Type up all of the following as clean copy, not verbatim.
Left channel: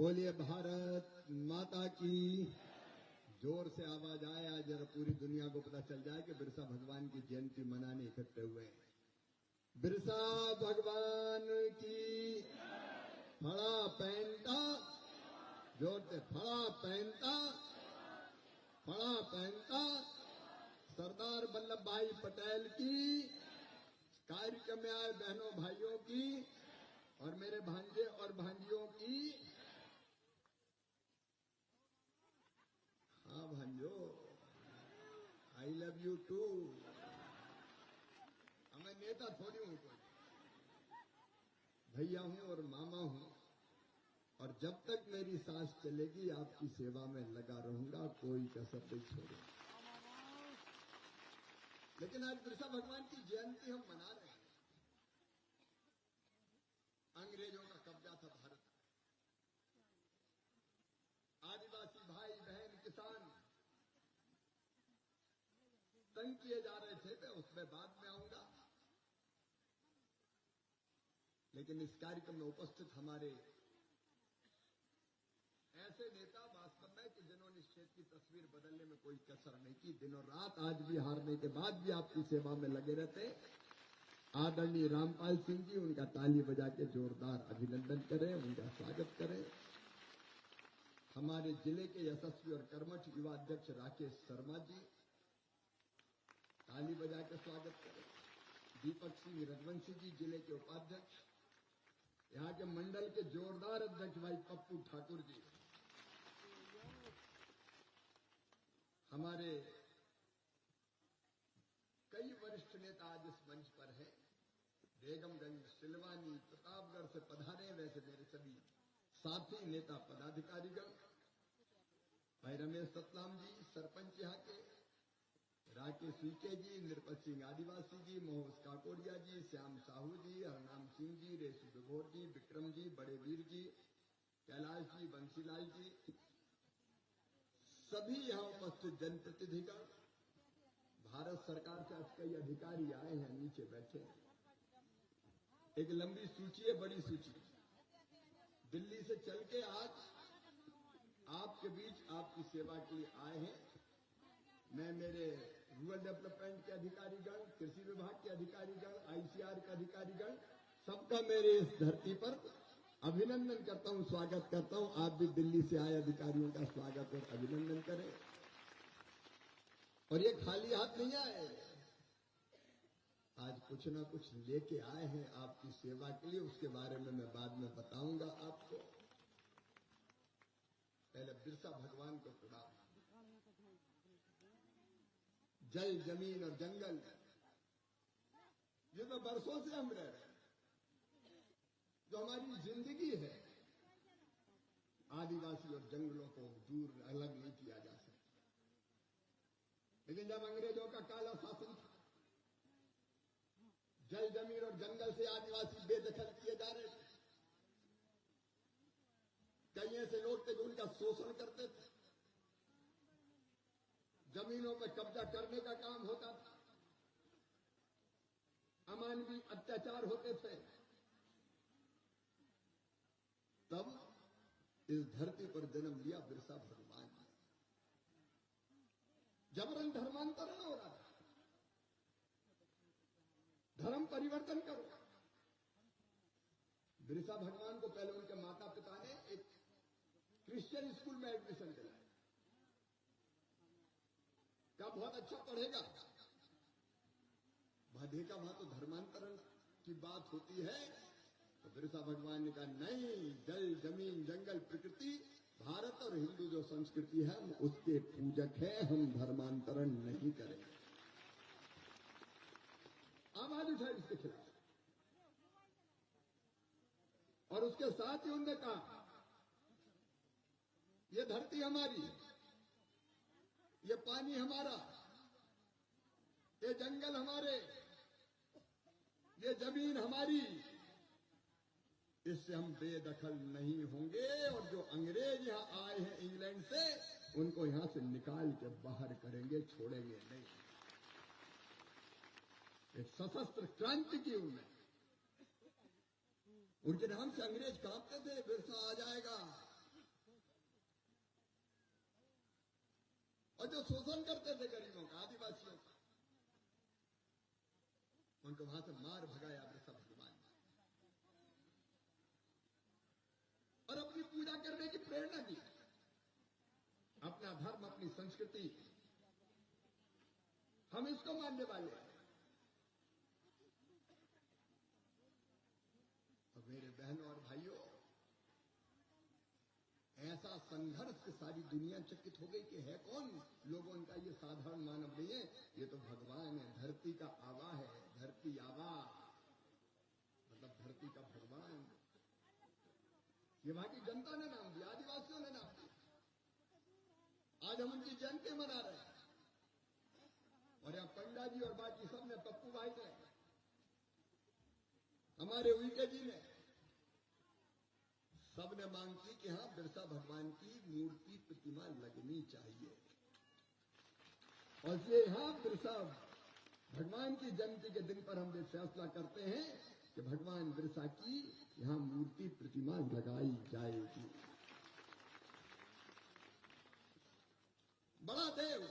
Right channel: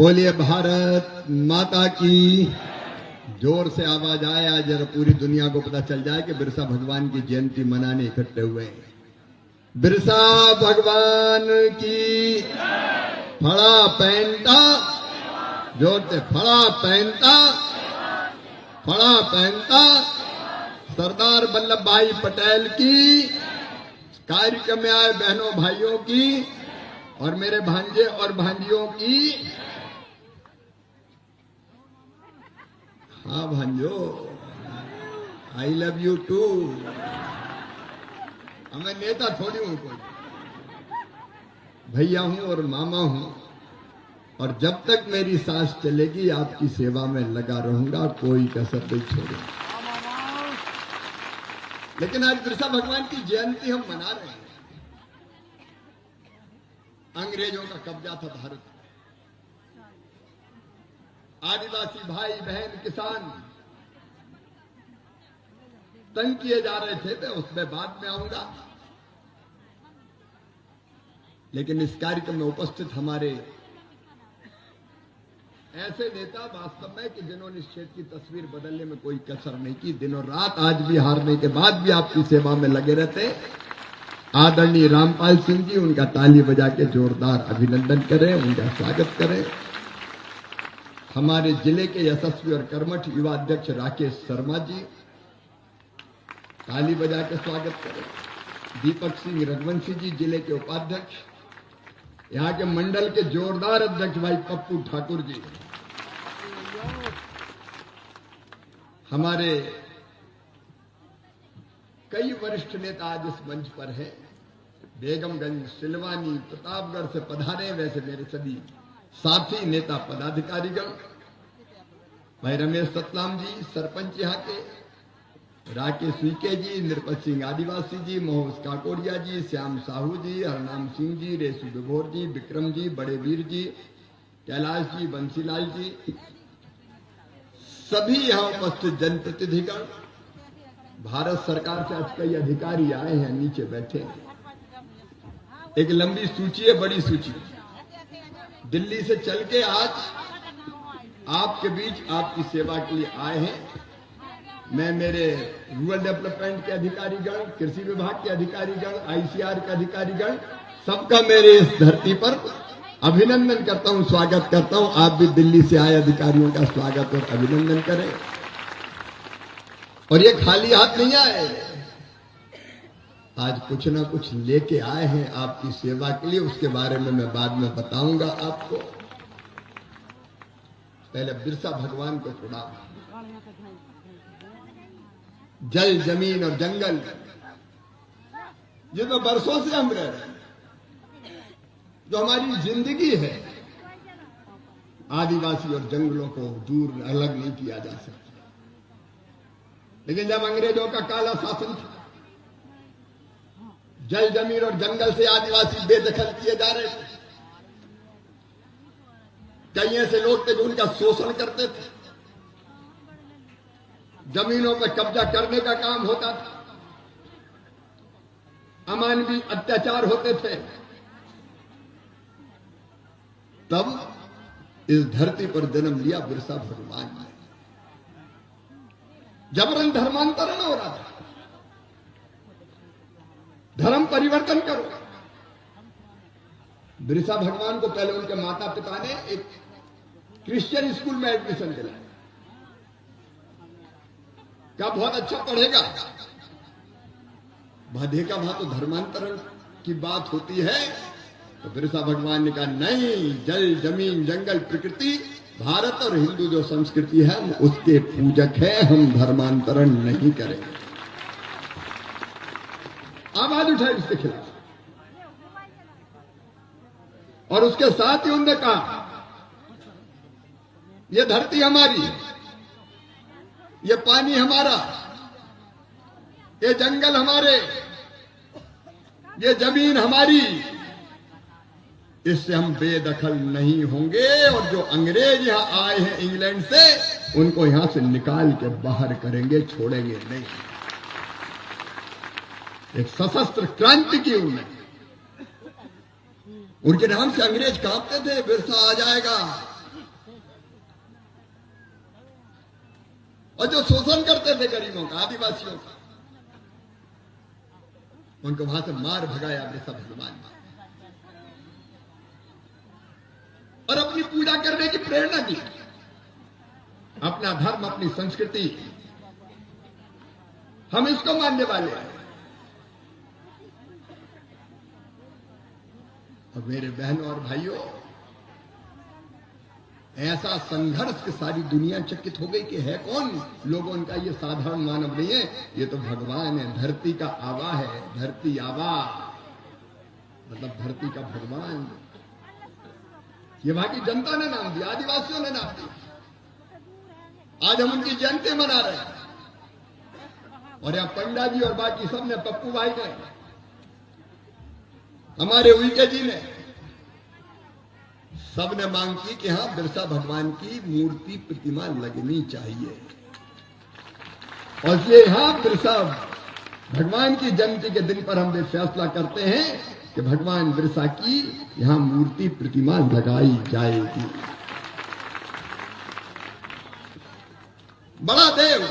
बोलिए भारत माता की। जोर से आवाज आए आज जरा पूरी दुनिया को पता चल जाए कि बिरसा भगवान की जयंती मनाने इकट्ठे हुए हैं। बिरसा भगवान की फड़ा पहनता, जोर से फड़ा पहनता, फड़ा पहनता सरदार वल्लभ भाई पटेल की, कार्यक्रम में आए बहनों भाइयों की और मेरे भांजे और भांजियों की। हाँ भांजो, आई लव यू टू। मैं नेता थोड़ी हूं, कोई भैया हूं और मामा हूं, और जब तक मेरी सांस चलेगी आपकी सेवा में लगा रहूंगा, कोई कसर नहीं छोड़ूंगा। लेकिन आज बिरसा भगवान की जयंती हम मना रहे हैं। अंग्रेजों का कब्जा था भारत, आदिवासी भाई बहन किसान तंग किए जा रहे थे, मैं उसमें बाद में आऊंगा। लेकिन इस कार्यक्रम में उपस्थित हमारे ऐसे नेता वास्तव में कि जिन्होंने इस क्षेत्र की तस्वीर बदलने में कोई कसर नहीं की, दिनों रात आज भी हारने के बाद भी आपकी सेवा में लगे रहते। आदरणीय रामपाल सिंह जी, उनका ताली बजा के जोरदार अभिनंदन करें, उनका स्वागत करें। हमारे जिले के यशस्वी और कर्मठ युवा अध्यक्ष राकेश शर्मा जी, ताली बजा के स्वागत करें। दीपक सिंह रघुवंशी जी, जिले के उपाध्यक्ष। यहाँ के मंडल के जोरदार अध्यक्ष भाई पप्पू ठाकुर जी। हमारे कई वरिष्ठ नेता आज इस मंच पर हैं। बेगमगंज, सिलवानी, प्रतापगढ़ से पधारे वैसे मेरे सभी साथी नेता पदाधिकारीगण, भाई रमेश सतलाम जी सरपंच यहाँ के, राकेश वीके जी, नृपत सिंह आदिवासी जी, मोहस काकोड़िया जी, श्याम साहू जी, हरनाम सिंह जी, रेसु विभोर जी, विक्रम जी, बड़े वीर जी, कैलाश जी, बंसीलाल जी, सभी यहाँ उपस्थित जनप्रतिनिधिगण, भारत सरकार से आज कई अधिकारी आए हैं, नीचे बैठे हैं। एक लंबी सूची है, बड़ी सूची। दिल्ली से चल के आज आपके बीच आपकी सेवा के लिए आए हैं। मैं मेरे रूरल डेवलपमेंट के अधिकारीगण, कृषि विभाग के अधिकारीगण, आईसीआर के अधिकारीगण, सबका मेरे इस धरती पर अभिनंदन करता हूं, स्वागत करता हूं। आप भी दिल्ली से आए अधिकारियों का स्वागत और अभिनंदन करें। और ये खाली हाथ नहीं आए, आज कुछ ना कुछ लेके आए हैं आपकी सेवा के लिए। उसके बारे में मैं बाद में बताऊंगा आपको। पहले बिरसा भगवान को प्रणाम। जल, जमीन और जंगल, ये तो बरसों से हम रह रहे हैं, जो हमारी जिंदगी है, आदिवासी और जंगलों को दूर अलग नहीं किया जा सकता। लेकिन जब अंग्रेजों का काला शासन था, जल, जमीन और जंगल से आदिवासी बेदखल किए जा रहे थे। कई ऐसे लोग थे जो उनका शोषण करते थे, जमीनों पर कब्जा करने का काम होता था, अमानवीय अत्याचार होते थे। तब इस धरती पर जन्म लिया बिरसा भगवान ने। जबरन धर्मांतरण हो रहा था, धर्म परिवर्तन करो। बिरसा भगवान को पहले उनके माता पिता ने एक क्रिश्चियन स्कूल में एडमिशन दिलाया। क्या बहुत अच्छा पढ़ेगा? देखा वहां तो धर्मांतरण की बात होती है। तो बिरसा भगवान ने कहा नहीं, जल, जमीन, जंगल, प्रकृति, भारत और हिंदू जो संस्कृति है हम उसके पूजक हैं, हम धर्मांतरण नहीं करेंगे। आवाज उठाई इसके खिलाफ। और उसके साथ ही उन्होंने कहा यह धरती हमारी, ये पानी हमारा, ये जंगल हमारे, ये जमीन हमारी, इससे हम बेदखल नहीं होंगे। और जो अंग्रेज यहां आए हैं इंग्लैंड से, उनको यहां से निकाल के बाहर करेंगे, छोड़ेंगे नहीं। एक सशस्त्र क्रांति की उन्होंने। उनके नाम से अंग्रेज कांपते थे, बिरसा आ जाएगा, और जो शोषण करते थे गरीबों का, आदिवासियों का, उनको वहां से मार भगाया बिरसा भगवान ने और अपनी पूजा करने की प्रेरणा दी। अपना धर्म, अपनी संस्कृति, हम इसको मानने वाले हैं। और मेरे बहनों और भाइयों, ऐसा संघर्ष की सारी दुनिया चकित हो गई कि है कौन लोगों का, ये साधारण मानव नहीं है, ये तो भगवान है, धरती का आवा है, धरती आवा मतलब धरती का भगवान। ये वहां की जनता ने नाम दिया, आदिवासियों ने नाम दिया। आज हम उनकी जयंती मना रहे हैं और यहां पंडा जी और बाकी सब ने, पप्पू भाई ने, हमारे उइके जी ने, सबने मांग की कि हां बिरसा भगवान की मूर्ति प्रतिमा लगनी चाहिए। और इसलिए यहां बिरसा भगवान की जयंती के दिन पर हम ये फैसला करते हैं कि भगवान बिरसा की यहां मूर्ति प्रतिमा लगाई जाएगी। बड़ा देव,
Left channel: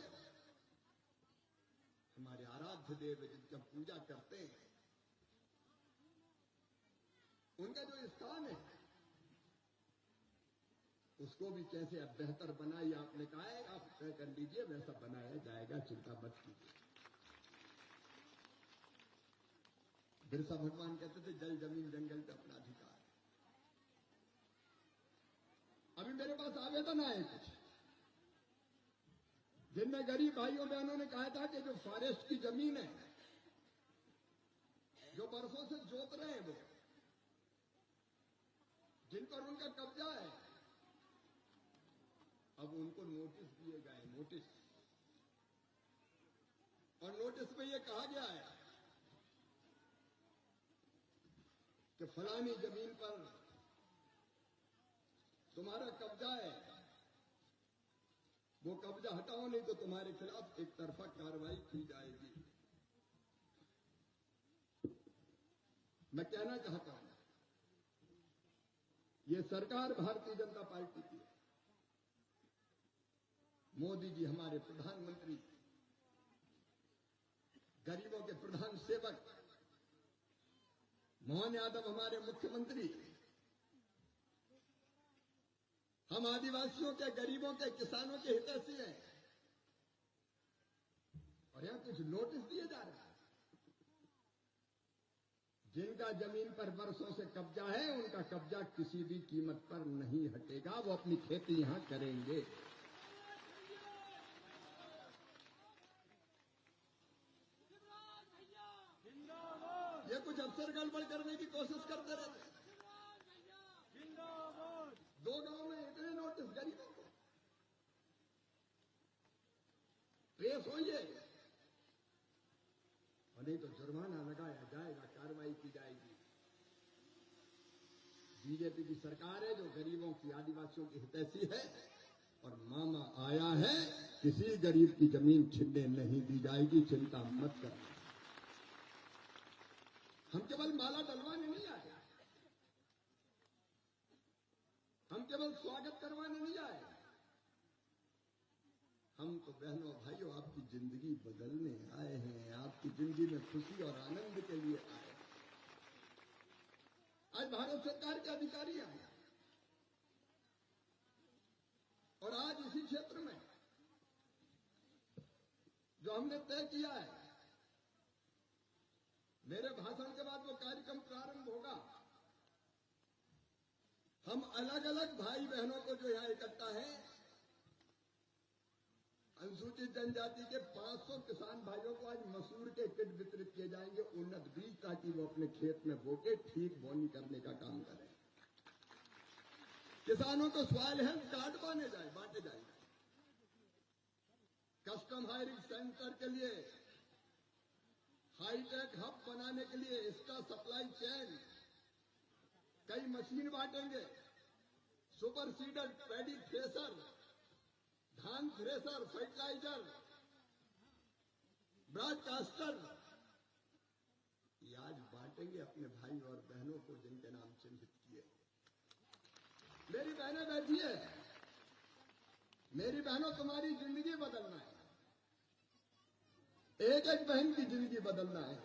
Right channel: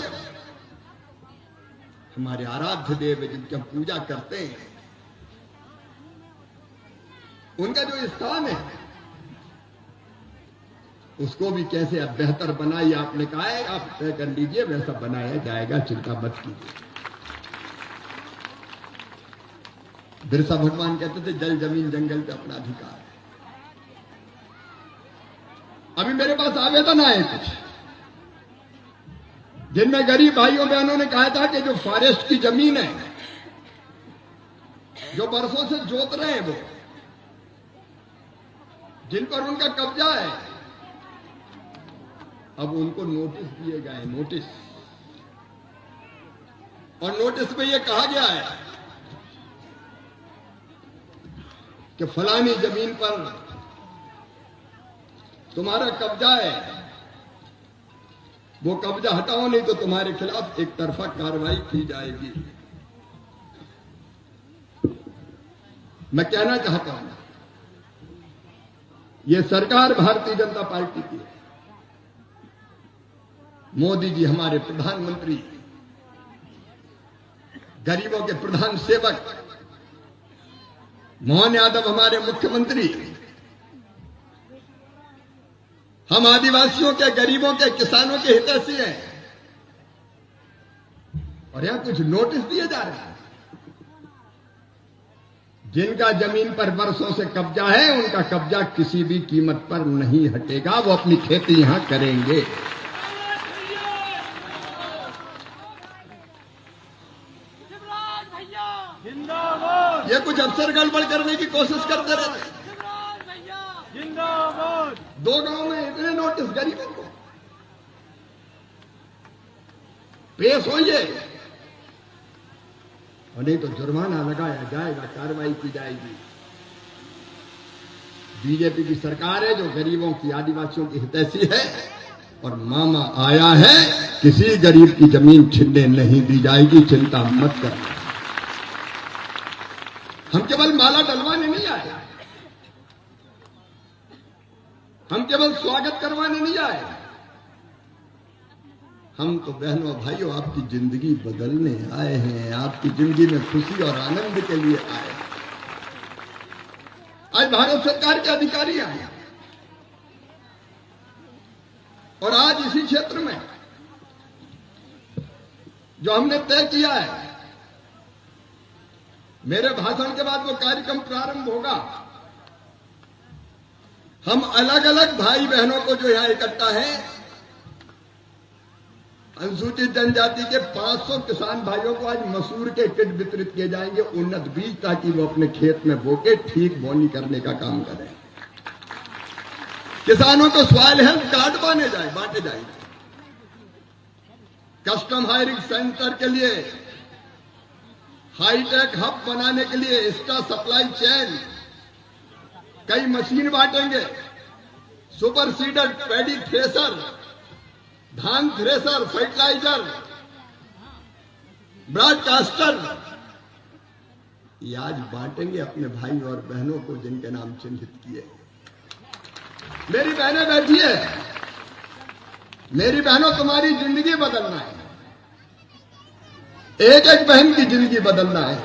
हमारे आराध्य देव जिनकी हम पूजा करते हैं, उनका जो स्थान है उसको भी कैसे अब बेहतर बनाइए। आपने कहा है आप तय कर लीजिए, वैसा बनाया जाएगा, चिंता मत कीजिए। बिरसा भगवान कहते थे जल जमीन जंगल पे अपना अधिकार है। अभी मेरे पास आवेदन आए कुछ, जिनमें गरीब भाइयों बहनों ने कहा था कि जो फॉरेस्ट की जमीन है, जो बरसों से जोत रहे हैं, वो जिन पर उनका कब्जा है, अब उनको नोटिस दिए गए, नोटिस। और नोटिस में यह कहा गया है कि फलानी जमीन पर तुम्हारा कब्जा है, वो कब्जा हटाओ, नहीं तो तुम्हारे खिलाफ एक तरफा कार्रवाई की जाएगी। मैं कहना चाहता हूं, ये सरकार भारतीय जनता पार्टी की है। मोदी जी हमारे प्रधानमंत्री, गरीबों के प्रधान सेवक, मोहन यादव हमारे मुख्यमंत्री, हम आदिवासियों के, गरीबों के, किसानों के हितैषी हैं। और यहां कुछ नोटिस दिए जा रहे हैं। जिनका जमीन पर वर्षों से कब्जा है, उनका कब्जा किसी भी कीमत पर नहीं हटेगा, वो अपनी खेती यहां करेंगे। ये कुछ अफसर गड़बड़ करने की कोशिश करते रहते। दो गांव में इतने नोटिस गरीबों को, पेश होइए और नहीं तो जुर्माना लगाया जाएगा, कार्रवाई की जाएगी। बीजेपी की सरकार है जो गरीबों की, आदिवासियों की हितैषी है, और मामा आया है, किसी गरीब की जमीन छीनने नहीं दी जाएगी, चिंता मत करना। हम केवल माला डलवाने नहीं आए, हम केवल स्वागत करवाने नहीं आए, हम तो बहनों भाइयों आपकी जिंदगी बदलने आए हैं, आपकी जिंदगी में खुशी और आनंद के लिए आए। आज भारत सरकार के अधिकारी आए और आज इसी क्षेत्र में जो हमने तय किया है, मेरे भाषण के बाद वो कार्यक्रम प्रारंभ होगा। हम अलग अलग भाई बहनों को जो यहां इकट्ठा है, अनुसूचित जनजाति के 500 किसान भाइयों को आज मसूर के किट वितरित किए जाएंगे, उन्नत बीज, ताकि वो अपने खेत में बोके ठीक बोनी करने का काम करें। किसानों को सॉइल हेल्थ कार्ड बांटे जाएंगे। कस्टम हायरिंग सेंटर के लिए, हाईटेक हब बनाने के लिए, एक्स्ट्रा सप्लाई चेन, कई मशीन बांटेंगे। सुपर सीडर, पैडी थ्रेसर, धान थ्रेसर, फर्टिलाइजर, ब्रॉडकास्टर, ये आज बांटेंगे अपने भाई और बहनों को जिनके नाम चिन्हित किए। मेरी बहनें बैठी है, मेरी बहनों, तुम्हारी जिंदगी बदलना है, एक एक बहन की जिंदगी बदलना है।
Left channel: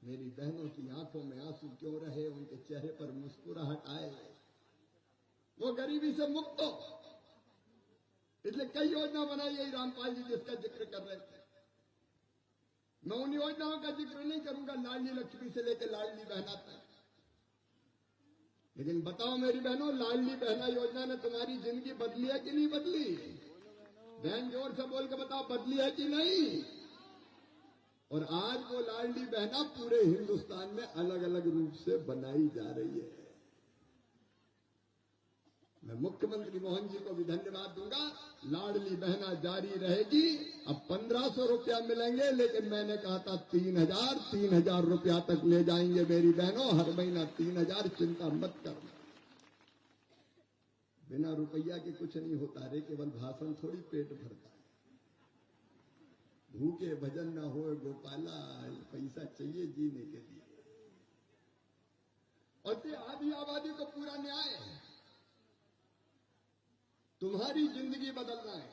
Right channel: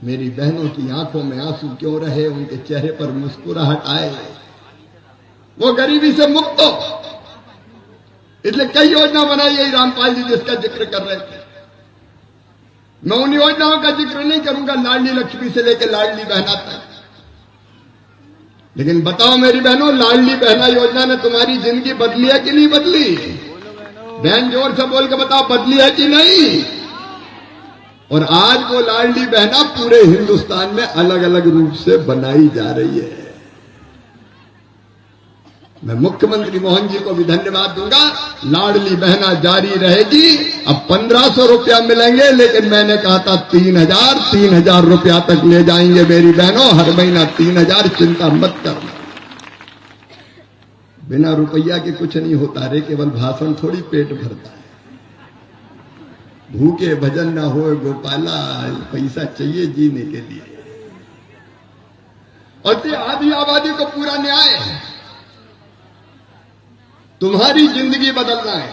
मेरी बहनों की आंखों में आंसू क्यों रहे, उनके चेहरे पर मुस्कुराहट आए, वो गरीबी से मुक्त हो। इसलिए कई योजना बनाई है रामपाल जी जिसका जिक्र कर रहे थे। मैं उन योजनाओं का जिक्र नहीं करूंगा लाडली लक्ष्मी से लेकर लाडली बहना तक। लेकिन बताओ मेरी बहनों, लाडली बहना योजना ने तुम्हारी जिंदगी बदली है कि नहीं बदली? बहन जोर से बोल के बताओ, बदली है कि नहीं? और आज वो लाडली बहना पूरे हिंदुस्तान में अलग अलग रूप से बनाई जा रही है। मैं मुख्यमंत्री मोहन जी को भी धन्यवाद दूंगा। लाडली बहना जारी रहेगी। अब 1500 रुपया मिलेंगे, लेकिन मैंने कहा था 3000 रुपया तक ले जाएंगे मेरी बहनों, हर महीना 3000। चिंता मत करना, बिना रुपया के कुछ नहीं होता रे, केवल भाषण थोड़ी पेट भरता है। भूखे भजन ना हो गोपाला, पैसा चाहिए जीने के लिए। और आधी आबादी को पूरा न्याय, तुम्हारी जिंदगी बदलना है।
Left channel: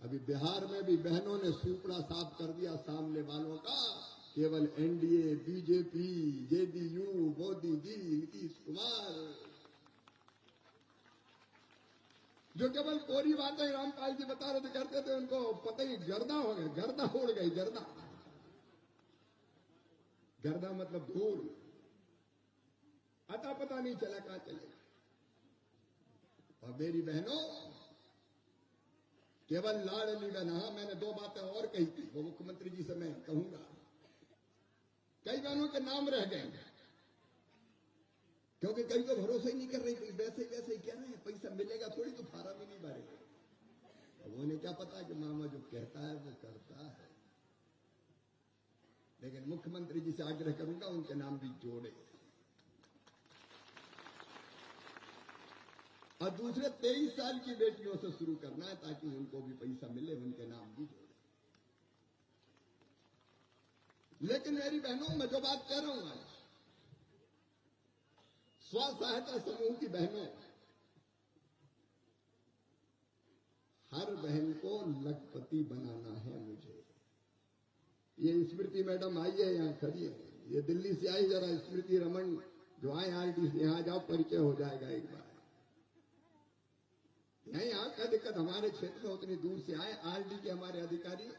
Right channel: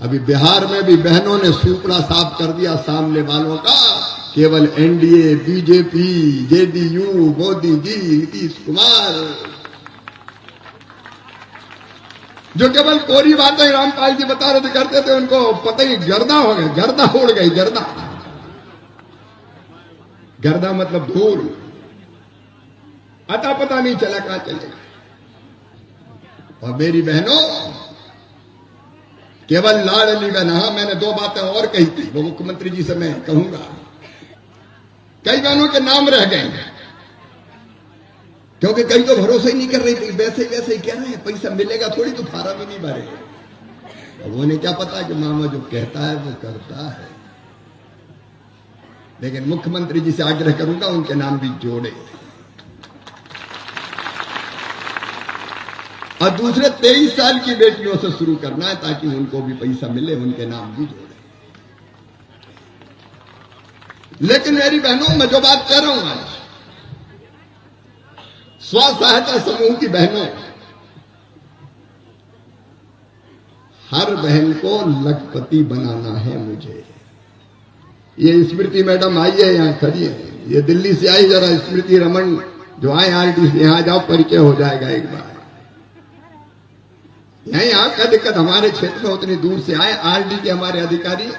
अभी बिहार में भी बहनों ने सूपड़ा साफ कर दिया सामने वालों का। केवल NDA, BJP, JDU, Modi ji, Nitish Kumar, जो केवल कोरी बातें रामपाल जी बता रहे थे करते थे, उनको पता ही गर्दा हो गया, गर्दा उड़ गई। गर्दा, गर्दा मतलब धूल, अता पता नहीं चला कहां चले। और मेरी बहनों, केवल लाडली बहना, मैंने 2 बातें और कही थी, वो मुख्यमंत्री जी से मैं कहूंगा। कई बहनों के नाम रह गए, क्योंकि कई तो भरोसा ही नहीं कर रही थी, वैसे ही कह रहे हैं पैसा मिलेगा थोड़ी, तो फार्म ही नहीं भरे। अब उन्हें क्या पता कि मामा जो कहता है वो करता है। लेकिन मुख्यमंत्री जी से आग्रह करूंगा उनके नाम भी जोड़े। और दूसरे 23 साल की बेटियों से शुरू करना है, ताकि उनको भी पैसा मिले, उनके नाम भी जोड़े। लेकिन मेरी बहनों, मैं जो बात कह रहा हूं आज, स्व सहायता समूह की बहनों, हर बहन को लखपति बनाना है मुझे। ये स्मृति मैडम आई है, यहां खड़ी है, ये दिल्ली से आई। जरा स्मृति रमन जो आए आरटीसी, यहां जाओ, परिचय हो जाएगा एक बार। यहाँ का दिक्कत हमारे क्षेत्र में उतनी दूर से आए। आरडी के हमारे अधिकारी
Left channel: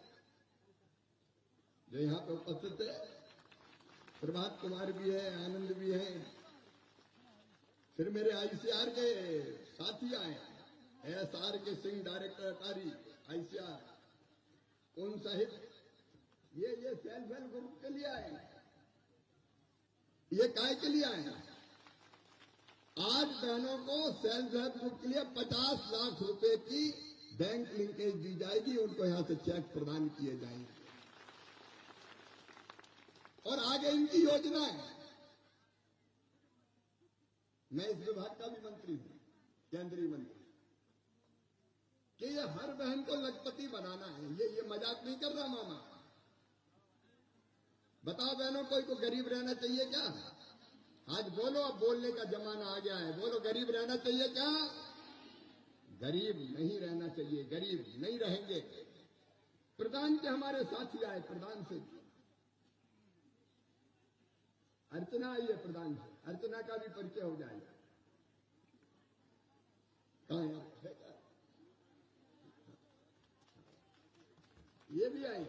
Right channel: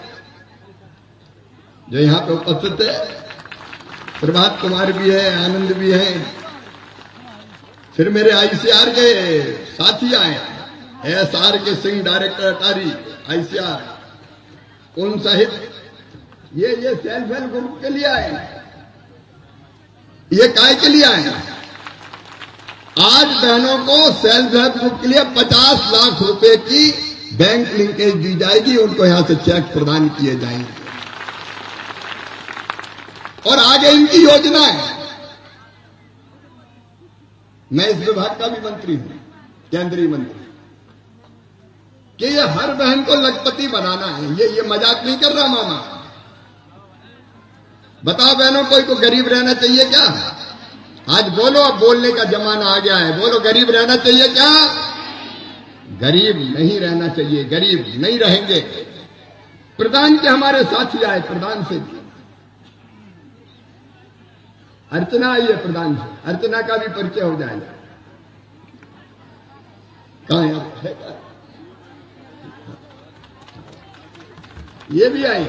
जो यहाँ पे उपस्थित है, प्रभात कुमार भी है, आनंद भी है, फिर मेरे आईसीआर के साथी आए, एसआर के सिंह डायरेक्टर अटारी आईसीआर, उन सहित ये सेल्फ हेल्प ग्रुप के लिए आए। ये काय के लिए आए? आज बहनों को सेल्फ हेल्प ग्रुप के लिए 50 लाख रुपए की बैंक लिंकेज दी जाएगी, उनको यहां से चेक प्रदान किए जाएंगे। और आगे इनकी योजना है। मैं इस विभाग का भी मंत्री हूं, केंद्रीय मंत्री, कि ये हर बहन को लखपति बनाना है। ये मजाक नहीं कर रहा मामा। बताओ बहनों, कोई को गरीब रहना चाहिए क्या? आज बोलो, अब बोलने का जमाना आ गया है। बोलो, गरीब रहना चाहिए क्या? गरीब नहीं रहना चाहिए, गरीब नहीं रहेंगे। प्रधान के हमारे साथी आए, प्रधान से अर्चना आई है, प्रधान से। अर्चना का भी परिचय हो जाएगा। कहां है? ये भी आई।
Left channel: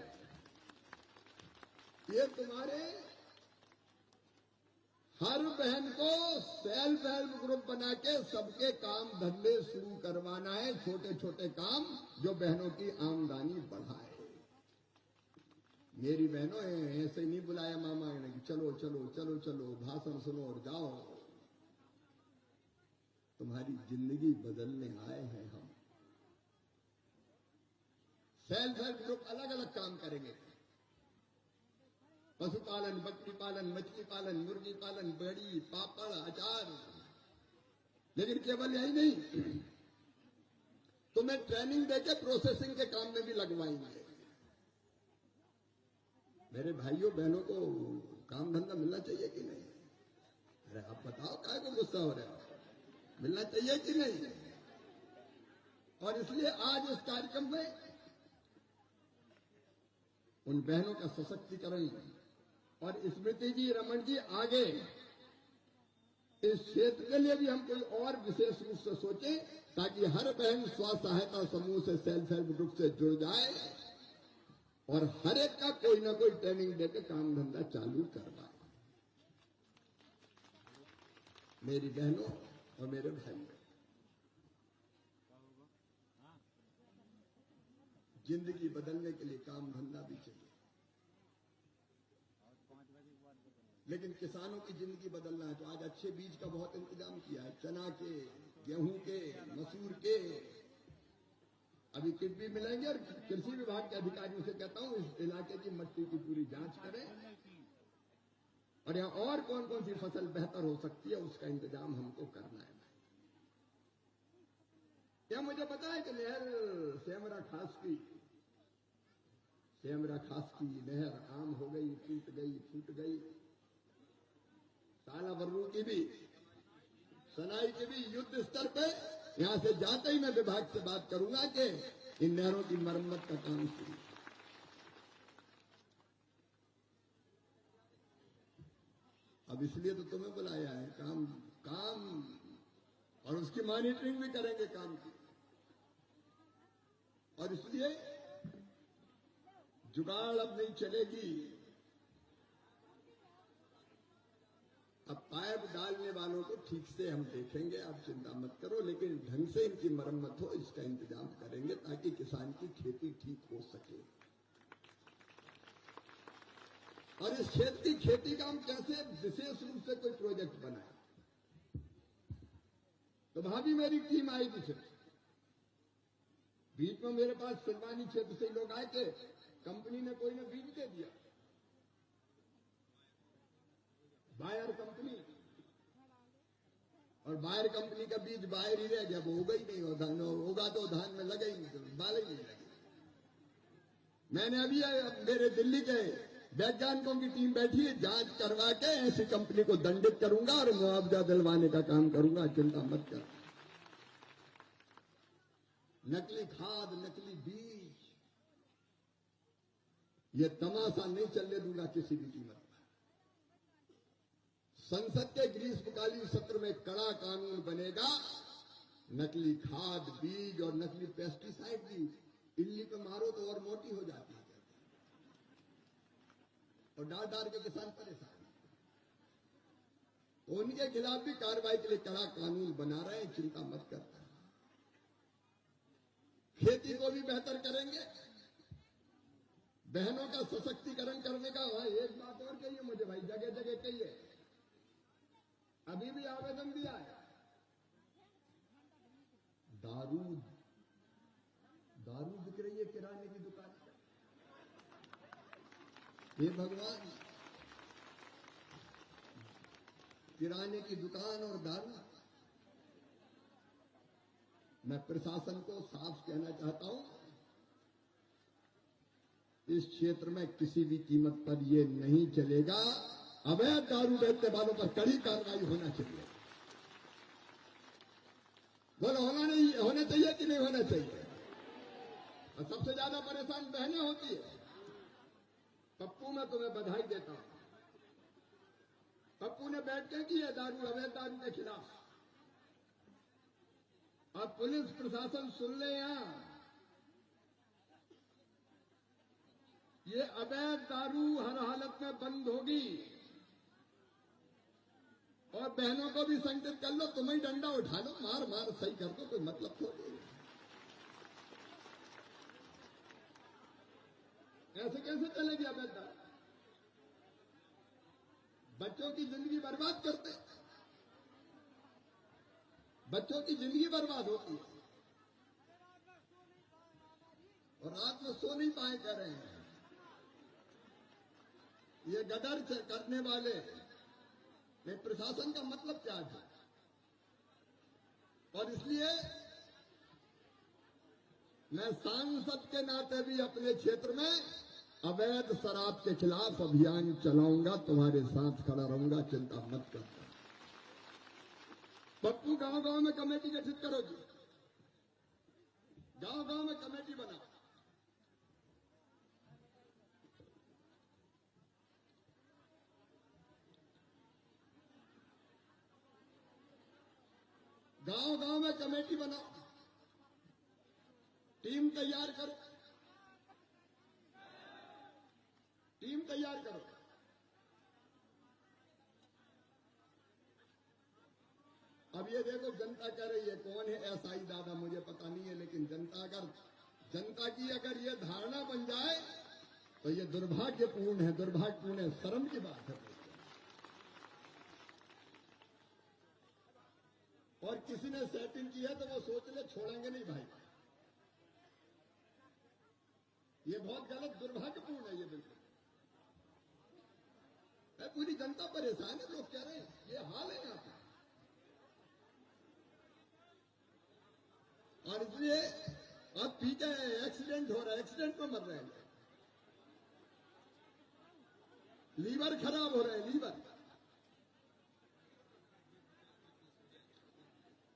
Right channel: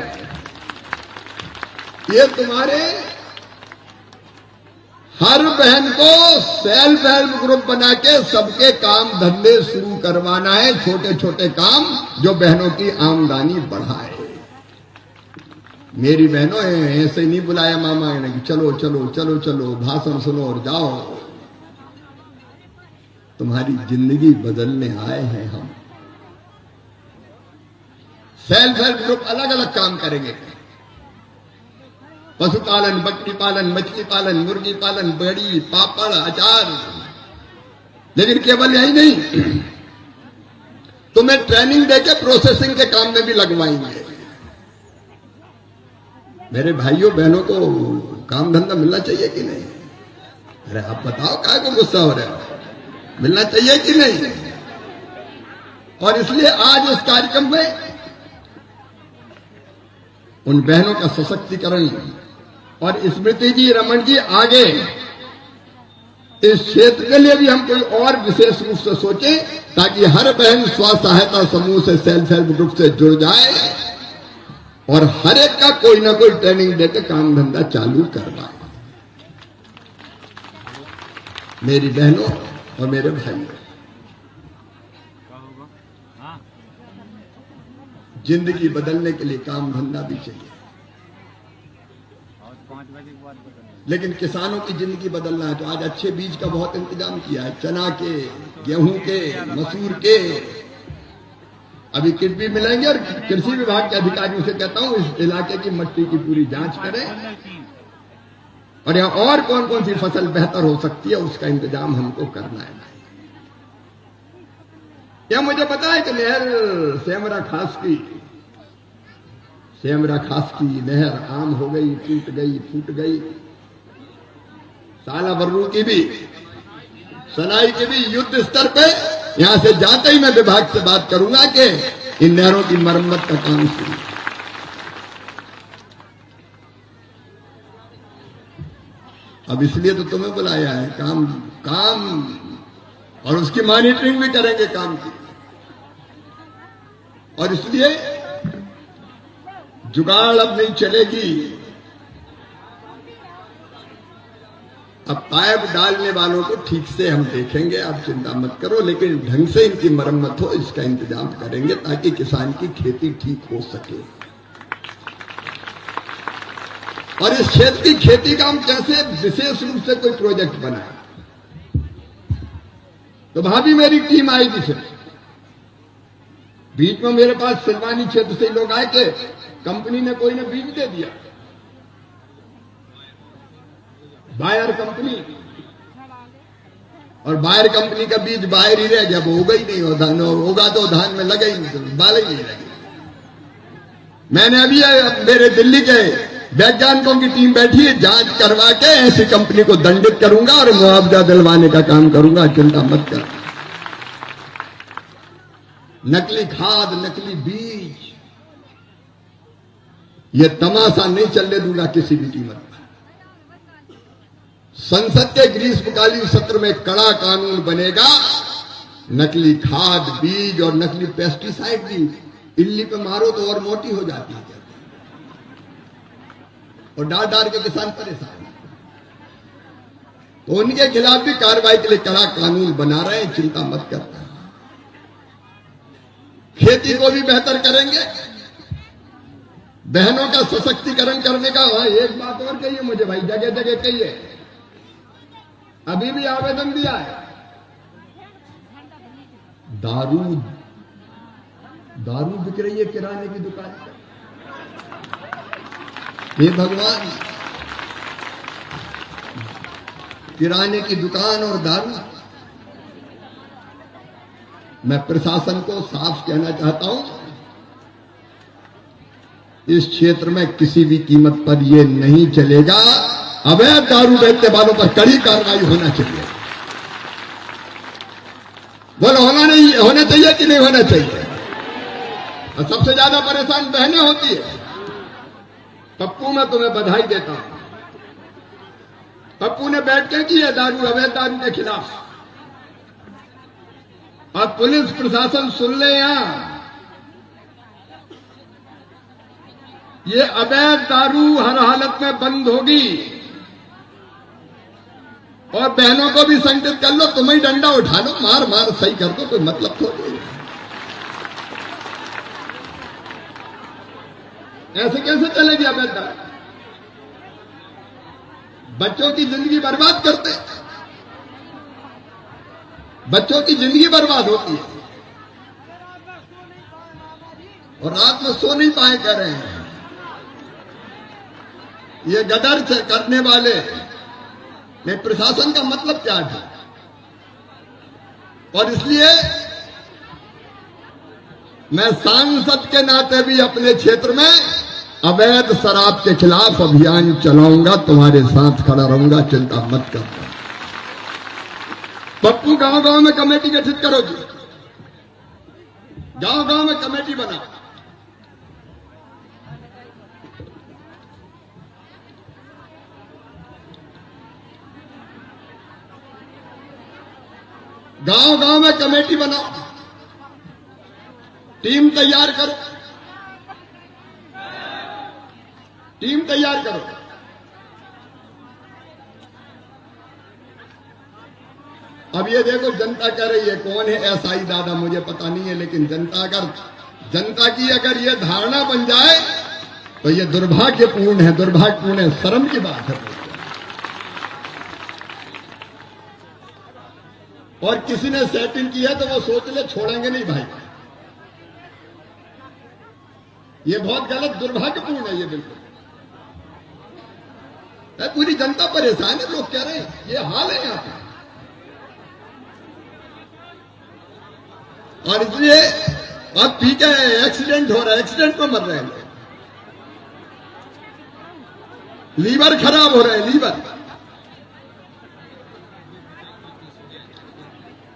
ये तुम्हारे हर बहन को सेल्फ हेल्प ग्रुप बना के सबके काम धंधे शुरू करवाना है, छोटे छोटे काम जो बहनों की आमदनी बढ़ाए। मेरी बहनों, ऐसे नहीं बुलाया मामा ने कि चलो चलो चलो चलो भाषण सुनो और जाओ। तुम्हारी जिंदगी बदलने आए हैं हम। सेल्फ हेल्प ग्रुप अलग अलग काम करेंगे। पशुपालन, बकरी पालन, मछली पालन, मुर्गी पालन, बड़ी, पापड़, अचार। लेकिन केवल यही नहीं, तुम्हें ट्रेनिंग देके प्रोसेसिंग के काम में भी लगवाएंगे। मेरे भाइयों बहनों को काम धंधा मिलना चाहिए कि नहीं? अरे आप बताओ, काय को गुस्सा हो रहे हो? मिलना चाहिए कि नहीं? और इसलिए आज इस कार्यक्रम में उन बहनों का सशक्तिकरण और स्मृति जी, रमन जी आगे इस क्षेत्र के लिए भी हम कोई और विशेष रूप से सोचें, ताकि हर बहन स्व सहायता समूह से, सेल्फ हेल्प ग्रुप से जुड़ जाए और हर एक का कोई ना कोई ट्रेनिंग देकर काम धंधा चालू करवाए। मेरी बहनों और मेरे भाइयों, जिंदगी बदलने के लिए काम धंधा भी चाहिए, लेकिन किसानों की जिंदगी बदलना है तो आज अच्छे बीज का बहुत इंतजाम किया है, चना के, गेहूं के, मसूर के। अभी किट भी मिलेंगे और कृषि विभाग के अधिकारियों से कहता हूं इस इलाके की मिट्टी की पूरी जांच करें और यहां और कौन कौन सी फसल बेहतर हो सकती है उसका इंतजाम हमको करना है। क्या मुझे पता है कि नहर सेमरा खास की नहर आम हो गई, टूट गई, फूट गई। साला बर्रू की भी, सनाई की भी युद्ध स्तर पे यहां से जाते ही मैं विभाग से बात करूंगा कि इन नहरों की मरम्मत का काम शुरू। अब इसलिए तो तुम्हें बुलाया है, काम और उसकी मॉनिटरिंग भी करेंगे काम की। और इसलिए जुगाड़ अब नहीं चलेगी। अब पाइप डालने वालों को ठीक से हम देखेंगे, आप चिंता मत करो, लेकिन ढंग से इनकी मरम्मत हो इसका इंतजाम करेंगे ताकि किसान की खेती ठीक हो सके। और इस क्षेत्र की खेती का हम कैसे विशेष रूप से कोई प्रोजेक्ट बनाए। तो भाभी मेरी टीम आई थी, फिर बीच में मेरे पास सिलवानी क्षेत्र से लोग आए थे, कंपनी ने कोई ने बीज दे दिया, बायर कंपनी, और बायर कंपनी का बीज बाहर ही रह गया, वो होगा ही नहीं, धान होगा तो धान में लगे ही नहीं, बाल ही नहीं लगे। मैंने अभी मेरे दिल्ली के वैज्ञानिकों की टीम बैठी है, जांच करवा के ऐसी कंपनी को दंडित करूंगा और मुआवजा दिलवाने का काम करूंगा, चिंता मत कर। नकली खाद, नकली बीज, ये तमाशा नहीं चलने दूंगा किसी भी कीमत पर। संसद के ग्रीष्मकालीन सत्र में कड़ा कानून बनेगा, नकली खाद, बीज और नकली पेस्टिसाइड भी इल्ली पे मारो तो और मोटी हो जाती है, और डाल के किसान परेशान। तो उनके खिलाफ भी कार्रवाई के लिए कड़ा कानून बना रहे हैं, चिंता मत करना। खेती को भी बेहतर करेंगे, बहनों का सशक्तिकरण करने का। एक बात और कहिए मुझे भाई, जगह जगह कहिए, अभी भी आवेदन दिया है। दारू बिक रही है किराने की दुकान पर। हे भगवान, किराने की दुकान और दारू। मैं प्रशासन को साफ कहना चाहता हूं, इस क्षेत्र में किसी भी कीमत पर यह नहीं चलेगा। अवैध दारू बेचने वालों पर कड़ी कार्रवाई होना चाहिए। बोलो होना चाहिए कि नहीं होना चाहिए? और सबसे ज्यादा परेशान बहनें होती है। पप्पू, मैं तुम्हें बधाई देता हूं, पप्पू ने बैठ के की है दारू, अवैध दारू के खिलाफ। और पुलिस प्रशासन सुन ले, यहां ये अवैध दारू हर हालत में बंद होगी। और बहनों को भी संकेत कर लो, तुम ही डंडा उठा लो, मार मार सही कर दो, कोई मतलब थोड़ी। ऐसे कैसे चलेगी अवैध दारू? बच्चों की जिंदगी बर्बाद करते, बच्चों की जिंदगी बर्बाद होती है और रात में सो नहीं पाए कर रहे हैं। ये गदर करने वाले ने प्रशासन का मतलब क्या था? और इसलिए मैं सांसद के नाते भी अपने क्षेत्र में अवैध शराब के खिलाफ अभियान चलाऊंगा, तुम्हारे साथ खड़ा रहूंगा, चिंता मत करना। पप्पू गांव गांव में कमेटी गठित करो जी, गांव गांव में कमेटी बनाओ। गांव गांव में कमेटी बनाओ, टीम तैयार करो, टीम तैयार करो। अब ये देखो, जनता कह रही है कौन है एसआई दादा, मुझे पता नहीं है, लेकिन जनता की अगर ये धारणा बन जाए तो ये दुर्भाग्यपूर्ण है, दुर्भाग्यपूर्ण है, शर्म की बात है। और किसी ने सेटिंग की है तो वो सोच ले छोड़ेंगे नहीं भाई, ये बहुत गलत, दुर्भाग्यपूर्ण है ये बिल्कुल। पूरी जनता परेशान है, लोग कह रहे हैं ये हाल है यहां पे। और इसलिए अब पी के एक्सीडेंट हो रहा है, एक्सीडेंट में मर रहे हैं, लीवर खराब हो रहे हैं, लीवर।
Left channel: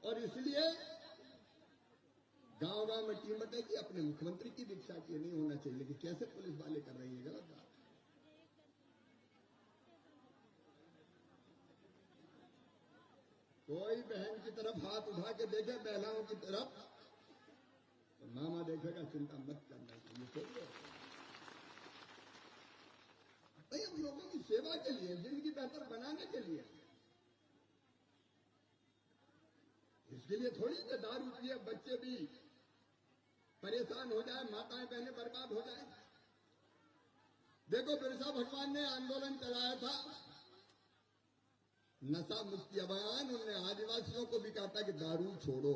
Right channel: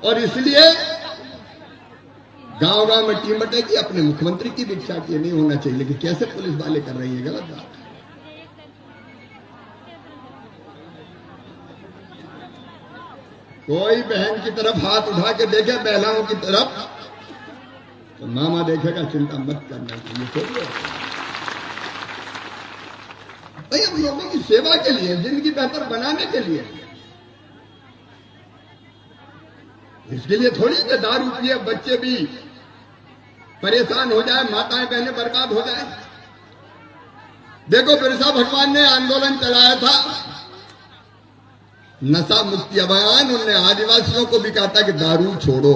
और इसलिए गांव गांव में टीम बटेगी, अपने मुख्यमंत्री की भी इच्छा की नहीं होना चाहिए, लेकिन कैसे पुलिस वाले कर रही है, गलत बात है। कोई बहन की तरफ हाथ उठा के देखे, महिलाओं की तरफ, तो मामा देखेगा, चिंता मत करना चाहिए। भाई हम लोगों की सेवा के लिए, जिंदगी बेहतर बनाने के लिए, इसके लिए थोड़ी कि दारू पिए बच्चे भी परेशान हो जाए, माताएं बहनें बर्बाद हो जाए। देखो बिरसा भगवान ने आंदोलन चलाया था, नशा मुक्ति अभियान, उनने आदिवासियों को भी कहा था कि दारू छोड़ो।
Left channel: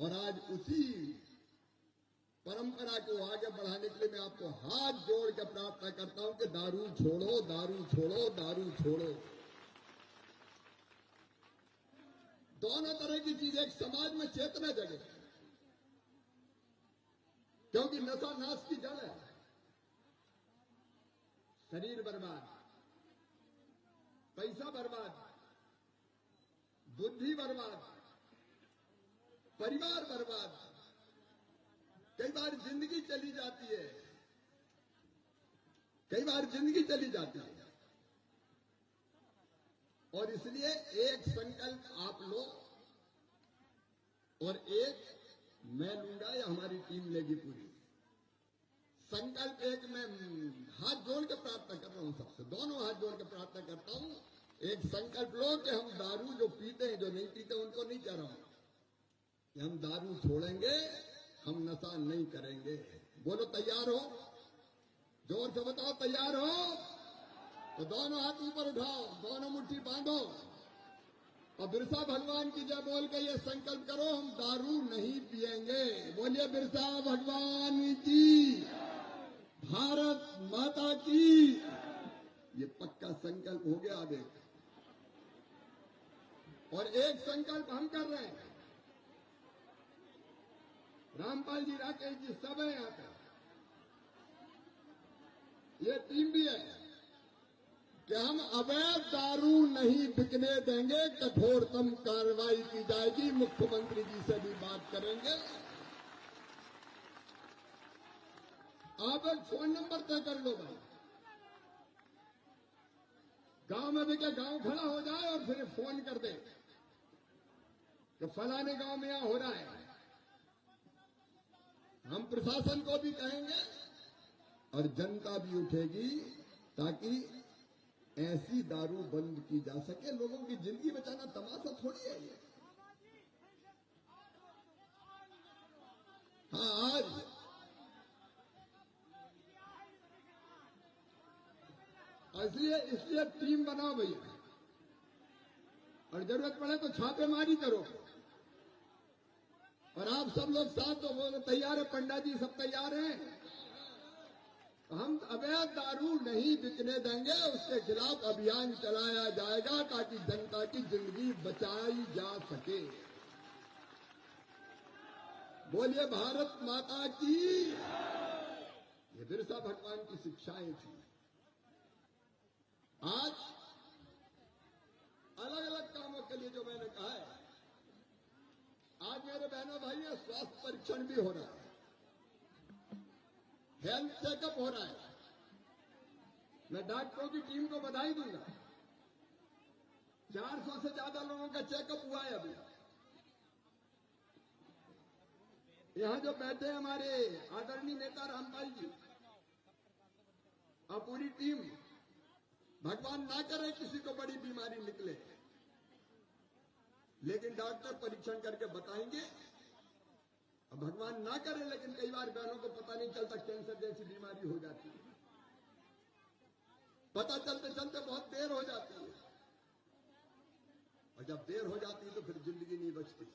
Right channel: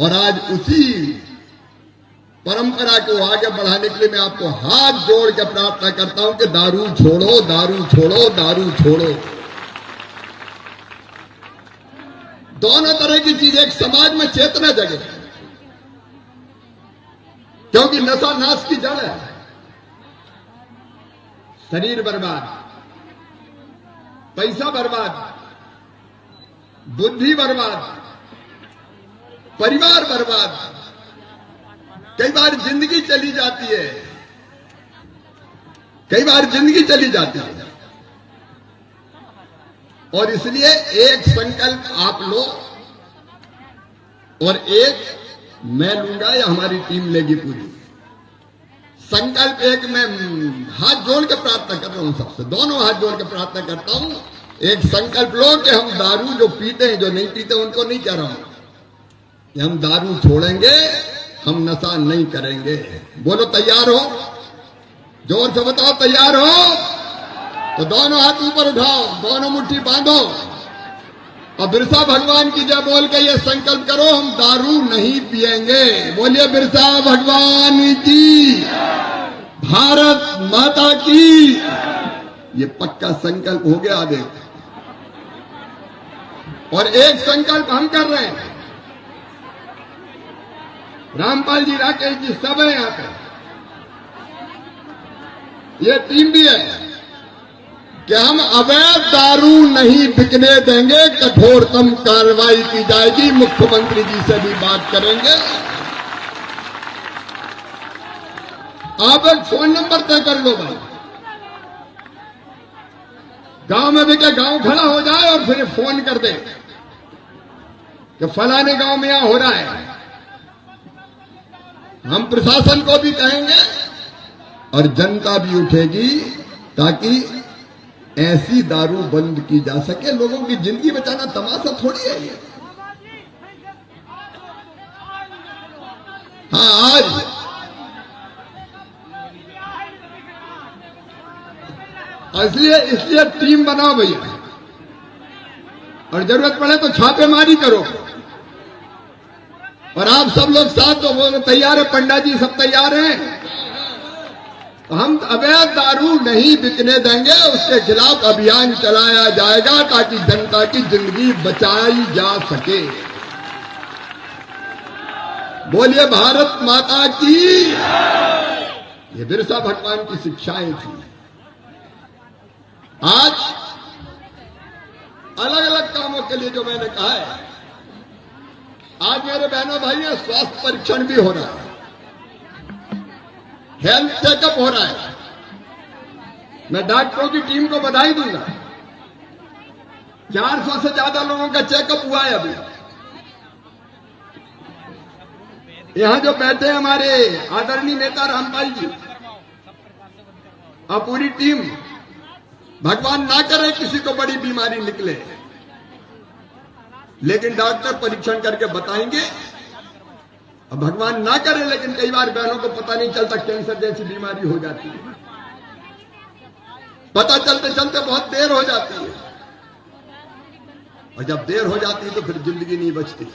और आज उसी परंपरा को आगे बढ़ाने के लिए मैं आपको हाथ जोड़ के प्रार्थना करता हूं कि दारू छोड़ो, दारू छोड़ो, दारू छोड़ो। दोनों तरह की चीज एक समाज में चेतना जगे, क्योंकि नशा नाश की जड़ है। शरीर बर्बाद, पैसा बर्बाद, बुद्धि बर्बाद, परिवार बर्बाद, कई बार जिंदगी चली जाती है, कई बार जिंदगी चली जाती है। और इसलिए एक संकल्प आप लो और एक मैं लूंगा या हमारी टीम लेगी पूरी। संकल्प एक, मैं हाथ जोड़ के प्रार्थना कर रहा हूं सबसे, दोनों हाथ जोड़ के प्रार्थना करता हूं, एक संकल्प लो कि हम दारू जो पीते हैं, जो नहीं पीते उनको नहीं कह रहा हूं कि हम दारू छोड़ेंगे, हम नशा नहीं करेंगे। बोलो तैयार हो? जोर से बताओ तैयार हो? तो दोनों हाथ ऊपर उठाओ, दोनों मुट्ठी बांधो और बिरसा भगवान की जय बोल के ये संकल्प करो, हम दारू नहीं पिएंगे। बोलिए बिरसा भगवान की, भारत माता की। ये पक्का संकल्प हो गया। देख, और एक संकल्प हम कर रहे हैं, रामपाल जी, राकेश जी सब है यहां पे, ये टीम भी है कि हम अवैध दारू नहीं बिकने देंगे, कठोरतम कार्रवाई की जाएगी। मुख्यमंत्री जी से भी बात करेंगे। आप एक फोन नंबर तय कर लो भाई, गांव में भी क्या गांव खड़ा हो जाए और फिर फोन कर दे कि फलाने गांव में यहां हो रहा है। हम प्रशासन को भी कहेंगे और जनता भी उठेगी ताकि ऐसी दारू बंद की जा सके। लोगों की जिंदगी बचाना तमाशा थोड़ी है ये। हाँ, आज इसलिए टीम बनाओ भैया, और जरूरत पड़े तो छापेमारी करो। और आप सब लोग साथ तो बोलो तैयार है, पंडा जी सब तैयार हैं। हम अवैध दारू नहीं बिकने देंगे, उसके खिलाफ अभियान चलाया जाएगा ताकि जनता की जिंदगी बचाई जा सके। बोलिए भारत माता की। ये बिरसा भगवान की शिक्षाएं थी। अलग अलग कामों के लिए जो मैंने कहा है। आज मेरे बहनों भाइयों स्वास्थ्य परीक्षण भी हो रहा है, हेल्थ चेकअप हो रहा है। मैं डॉक्टरों की टीम को बधाई दूंगा। 400 से ज्यादा लोगों का चेकअप हुआ है अभी। यहां जो बैठे हैं हमारे आदरणीय नेता रामपाल जी और पूरी टीम, भगवान ना करे किसी को बड़ी बीमारी निकले, लेकिन डॉक्टर परीक्षण करके बताएंगे। और भगवान ना करे, लेकिन कई बार बहनों को पता नहीं चलता, कैंसर जैसी बीमारी हो जाती है, पता चलते चलते बहुत देर हो जाती है। और जब देर हो जाती है तो फिर जिंदगी नहीं बचती।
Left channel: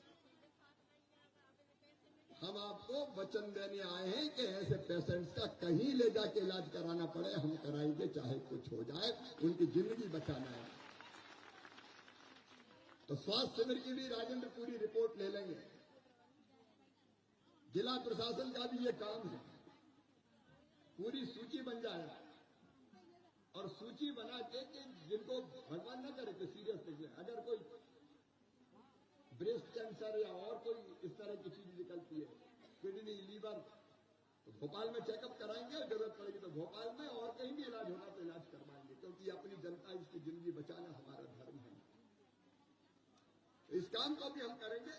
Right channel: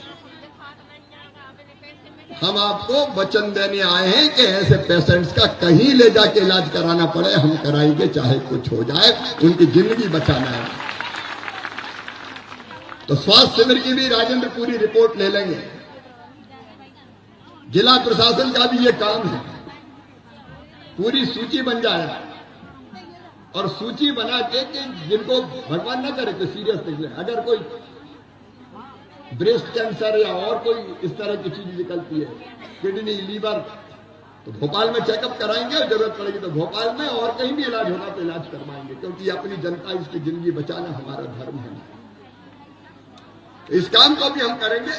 हम आपको वचन देने आए हैं कि ऐसे पेशेंट्स का कहीं ले जाके इलाज कराना पड़े, हम कराएंगे, चाहे कुछ हो जाए, उनकी जिंदगी बचाना है। तो स्वास्थ्य शिविर की भी राजेंद्र पूरी रिपोर्ट ले लेंगे। जिला प्रशासन का भी ये काम है, पूरी सूची बन जाए और सूची बना के कि जिनको भगवान न करे तो सीरियस निकले, अगर कोई ब्रेस्ट कैंसर या और कोई इस तरह की चीज निकलती है, किडनी, लीवर, तो भोपाल में चेकअप कराएंगे और जरूरत पड़ेगी तो भोपाल में और कहीं भी इलाज होगा तो इलाज करवाएंगे, क्योंकि अपनी जनता, इसकी जिंदगी बचाना हमारा धर्म है। इस काम को भी हम करेंगे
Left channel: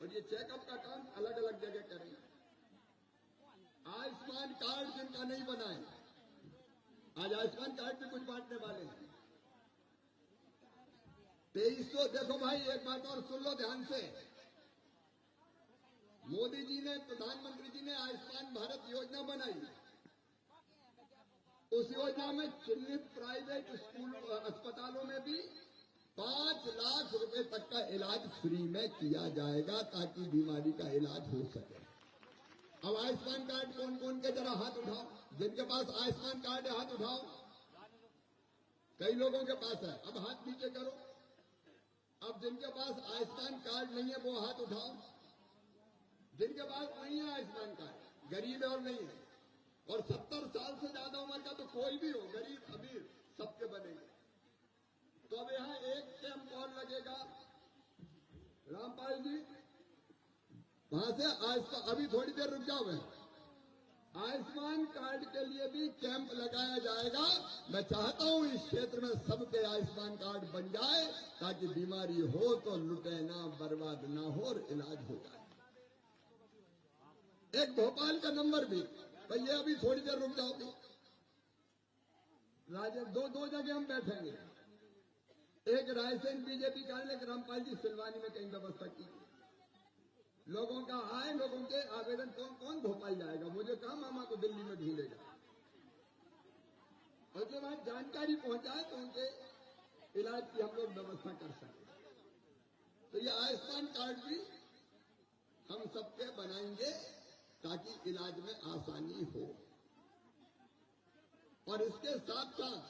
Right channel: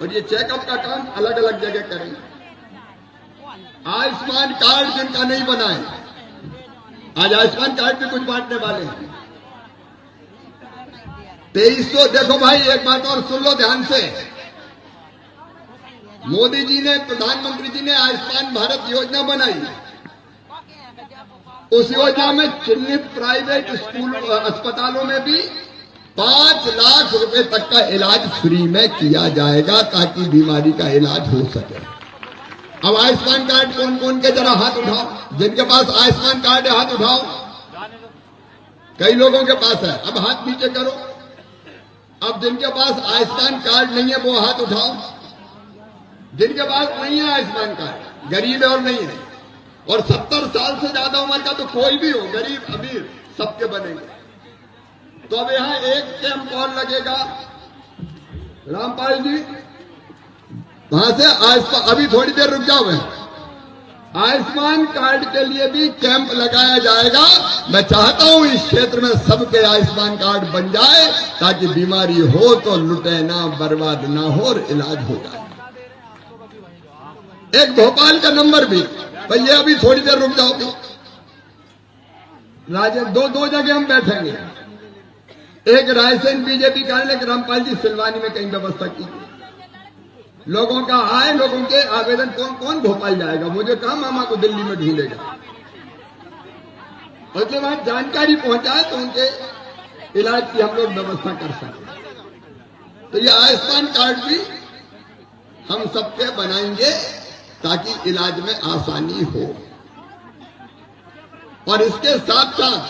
और ये चेकअप का काम अलग अलग जगह करेंगे। आयुष्मान कार्ड जिनका नहीं बना है, आज आयुष्मान कार्ड भी कुछ बांटने वाले हैं। 2300, देखो भाई एक बात और सुन लो ध्यान से, मोदी जी ने, प्रधानमंत्री जी ने आयुष्मान भारत योजना बनाई। उस योजना में चिन्हित प्राइवेट स्कूल, अस्पतालों में भी 5 लाख रुपए तक का इलाज फ्री में किया जाएगा, ताकि बीमारी का इलाज हो सके। अब आयुष्मान कार्ड कौन कौन के, जरा हाथ उठाओ। जिनके पास आयुष्मान कार्ड है हाथ उठाओ। कई लोगों के पास है, अब हाथ नीचे करो। अब जिनके पास आयुष्मान कार्ड नहीं है वो हाथ उठाओ। जिनके पास नहीं है आयुष्मान कार्ड, गरीब है और नहीं है, और 70 साल से ज्यादा उम्र का तो कोई भी हो, गरीब अमीर सबके बनेंगे। तो अब यहाँ एक कैंप और लगेगा, रामपाल जी वहां से आयुष्मान, अभी थोड़ी देर रुक जाओ, आयुष्मान कार्ड के लिए भी कैंप लगाया जाएगा। मैं चाहता हूं इस क्षेत्र में सबके आयुष्मान कार्ड बन जाए, ताकि बीमारी हो तो लुटे ना, बर्बाद ना हो और इलाज हो जाए। एक भोपाल का नंबर भी, भैया अभी थोड़ी देर रुक जाओगे, दो जगह हम बैठेंगे। एक रायसेन बीजेपी कार्यालय, रामपाल जी सिलवानी में कहीं व्यवस्था की, लोगों का आए, लोगों के आवेदन, कौन कौन भोपाल जाएगा, मुझे कहा मामा को दिल्ली में ढूंढेगा, और जब वहां जानकारी पहुंचाए तो उनके इलाज की हम लोग व्यवस्था कर सकें। तो ये आयुष्मान कार्ड भी हम सबके बनाएंगे, ताकि इलाज में आसानी हो। और इसके साथ साथ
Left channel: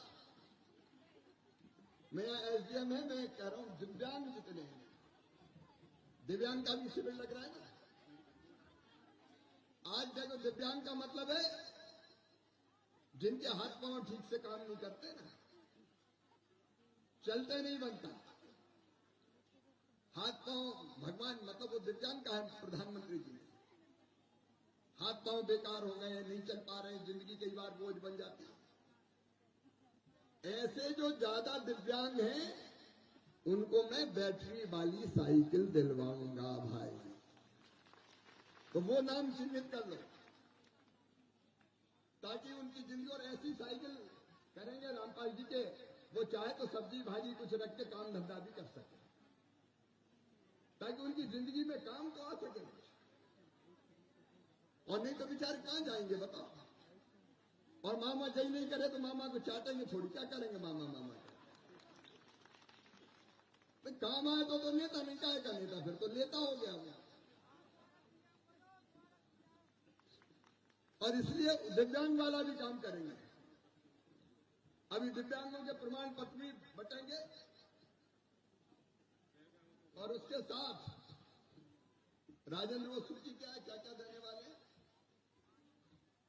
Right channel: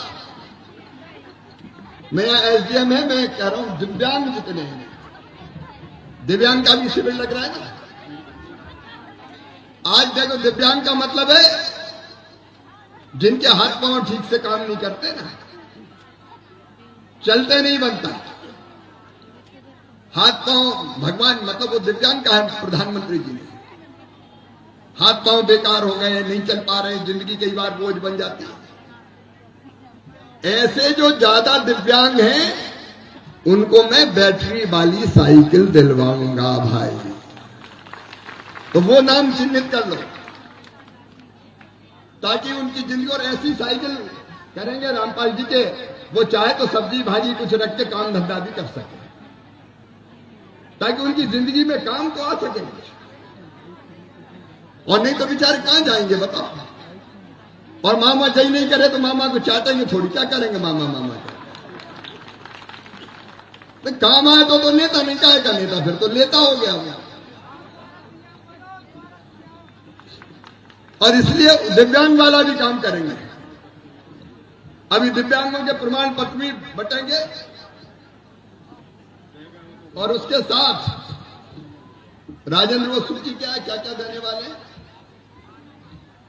मेरा एसडीएम है, मैं कह रहा हूं दिव्यांग जितने हैं, दिव्यांग का भी शिविर लग रहा है ना। आज देखो, दिव्यांग का मतलब है जिनके हाथ पांव ठीक से काम नहीं करते ना, चलते नहीं बनता, हाथ पांव, भगवान मतलब वो दिव्यांग का है प्रधानमंत्री जी ने, हाथ पांव बेकार हो गए, नहीं चल पा रहे, जिंदगी कई बार बोझ बन जाती है। ऐसे जो ज्यादा दिव्यांग हैं उनको मैं बैटरी वाली साइकिल दिलवाऊंगा भाई, तो वो नाम चिन्हित कर लो, ताकि उनकी जिंदगी, और ऐसी साइकिल करेंगे रामपाल जी के, वो चाहे तो सब्जी भाजी कुछ रख के काम धंधा भी कर सके, ताकि उनकी जिंदगी में काम तो आ सके। और नहीं तो बेचारे कहां जाएंगे बताओ। और मामा सही नहीं करे तो मामा को चाटेंगे थोड़ी, क्या करेंगे मामा का। तो काम आए तो नेता, नहीं का नेता, फिर तो नेता हो गया। और इसलिए दिव्यांग वाला भी काम करेंगे। अभी दिव्यांगों के प्रमाण पत्र भी बटेंगे, और उसके साथ राजेंद्र वो सूची क्या है, क्या क्या देने वाले हैं,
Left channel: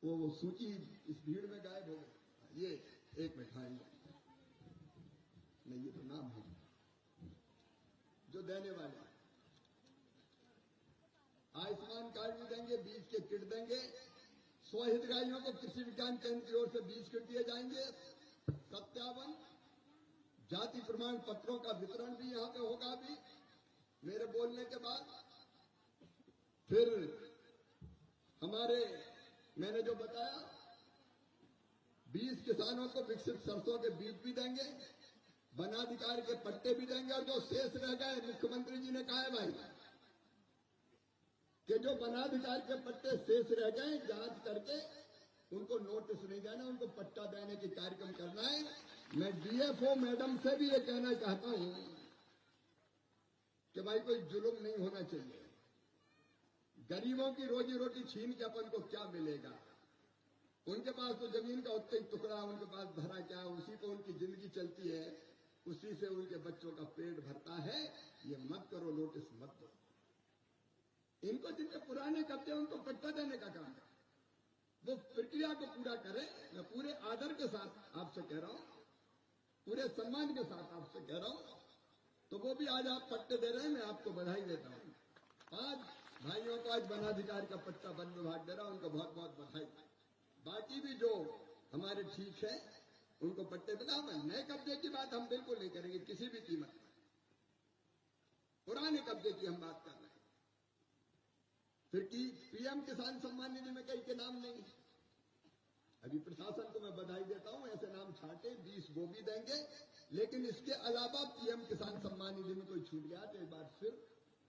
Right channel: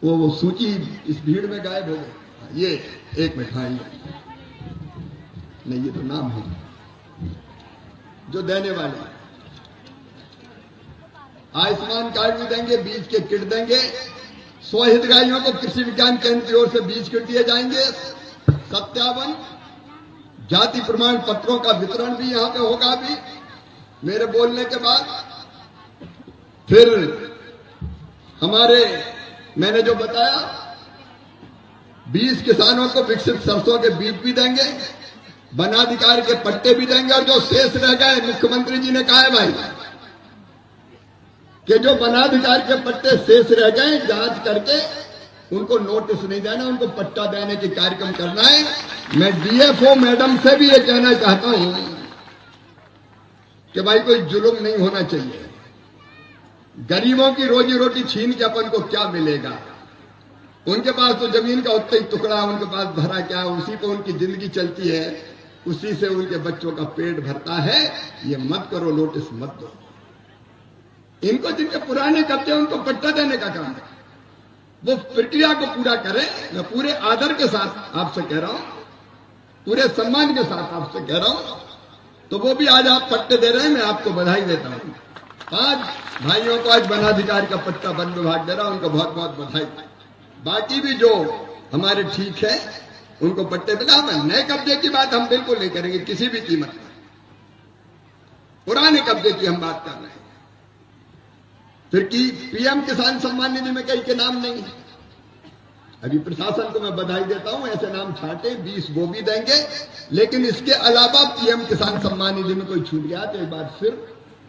वो सूची इस भीड़ में गायब हो गई। ये एक मिनट, हाँ नहीं, ये तो नाम है जो देने वाले। आयुष्मान कार्ड भी देंगे, बीज के किट देंगे, 100 हितग्राहियों को कृषि विज्ञान केंद्र की ओर से बीज किट दिए जाएंगे, 57 जाति प्रमाण पत्रों का वितरण भी यहां पे होगा अभी मेरे बोलने के बाद। फिर हमारे मैंने जो बताया 20 किसानों को विकसित सरसों के बीज भी देंगे, वनाधिकार के पट्टे भी देंगे, और जो शेष रह गए मुख्यमंत्री जी ने कहा है भाई कि जो वनाधिकार के पट्टे शेष रह गए जांच करके उनको नोटिस नहीं देना, उनको पट्टा देने की कार्यक्रम करना है। मैं डीएफओ मैडम से भी ये कहना चाहता हूं कि भाई कोई जुल्म नहीं होना चाहिए। गरीबों की रोजी रोटी छीन के अपन को क्या मिलेगा? उनके पास तो जमीन का उतना ही टुकड़ा, उनके पास भरा क्या, उसी पे उनकी जिंदगी चलती है, उसी से उनके बच्चों का पेट भरता है। ये मत करो, नोटिस मत दो। इनको जिनके पुराने कब्जे उनको पट्टा देने का काम है, वो प्रक्रिया को पूरा करें। मैं पूरे आदर के साथ आपसे कह रहा हूं, पूरे सम्मान के साथ आपसे कह रहा हूं। तो वो भी आज आप पट्टे दे रहे हैं, मैं आपको बधाई देता हूं। 5 भाइयों को आज वनाधिकार का पट्टा वन विभाग दे रहा हूं, उनको बहुत बहुत बधाई। बाकी भी जो हमारे ठीक है उनको पट्टे मिला। नए कब्जे की बात हम बिल्कुल नहीं करेंगे किसी भी कीमत पर, पुराने कब्जे की हम बात कर रहे हैं। फिर की पीएम किसान सम्मान निधि में कई के नाम नहीं है। अभी प्रशासन को मैं बधाई देता हूं, ऐसे नाम छाटे 20 वो भी देंगे, लेकिन इसके अलावा पीएम किसान सम्मान निधि में कोई छूट गया तो एक बार फिर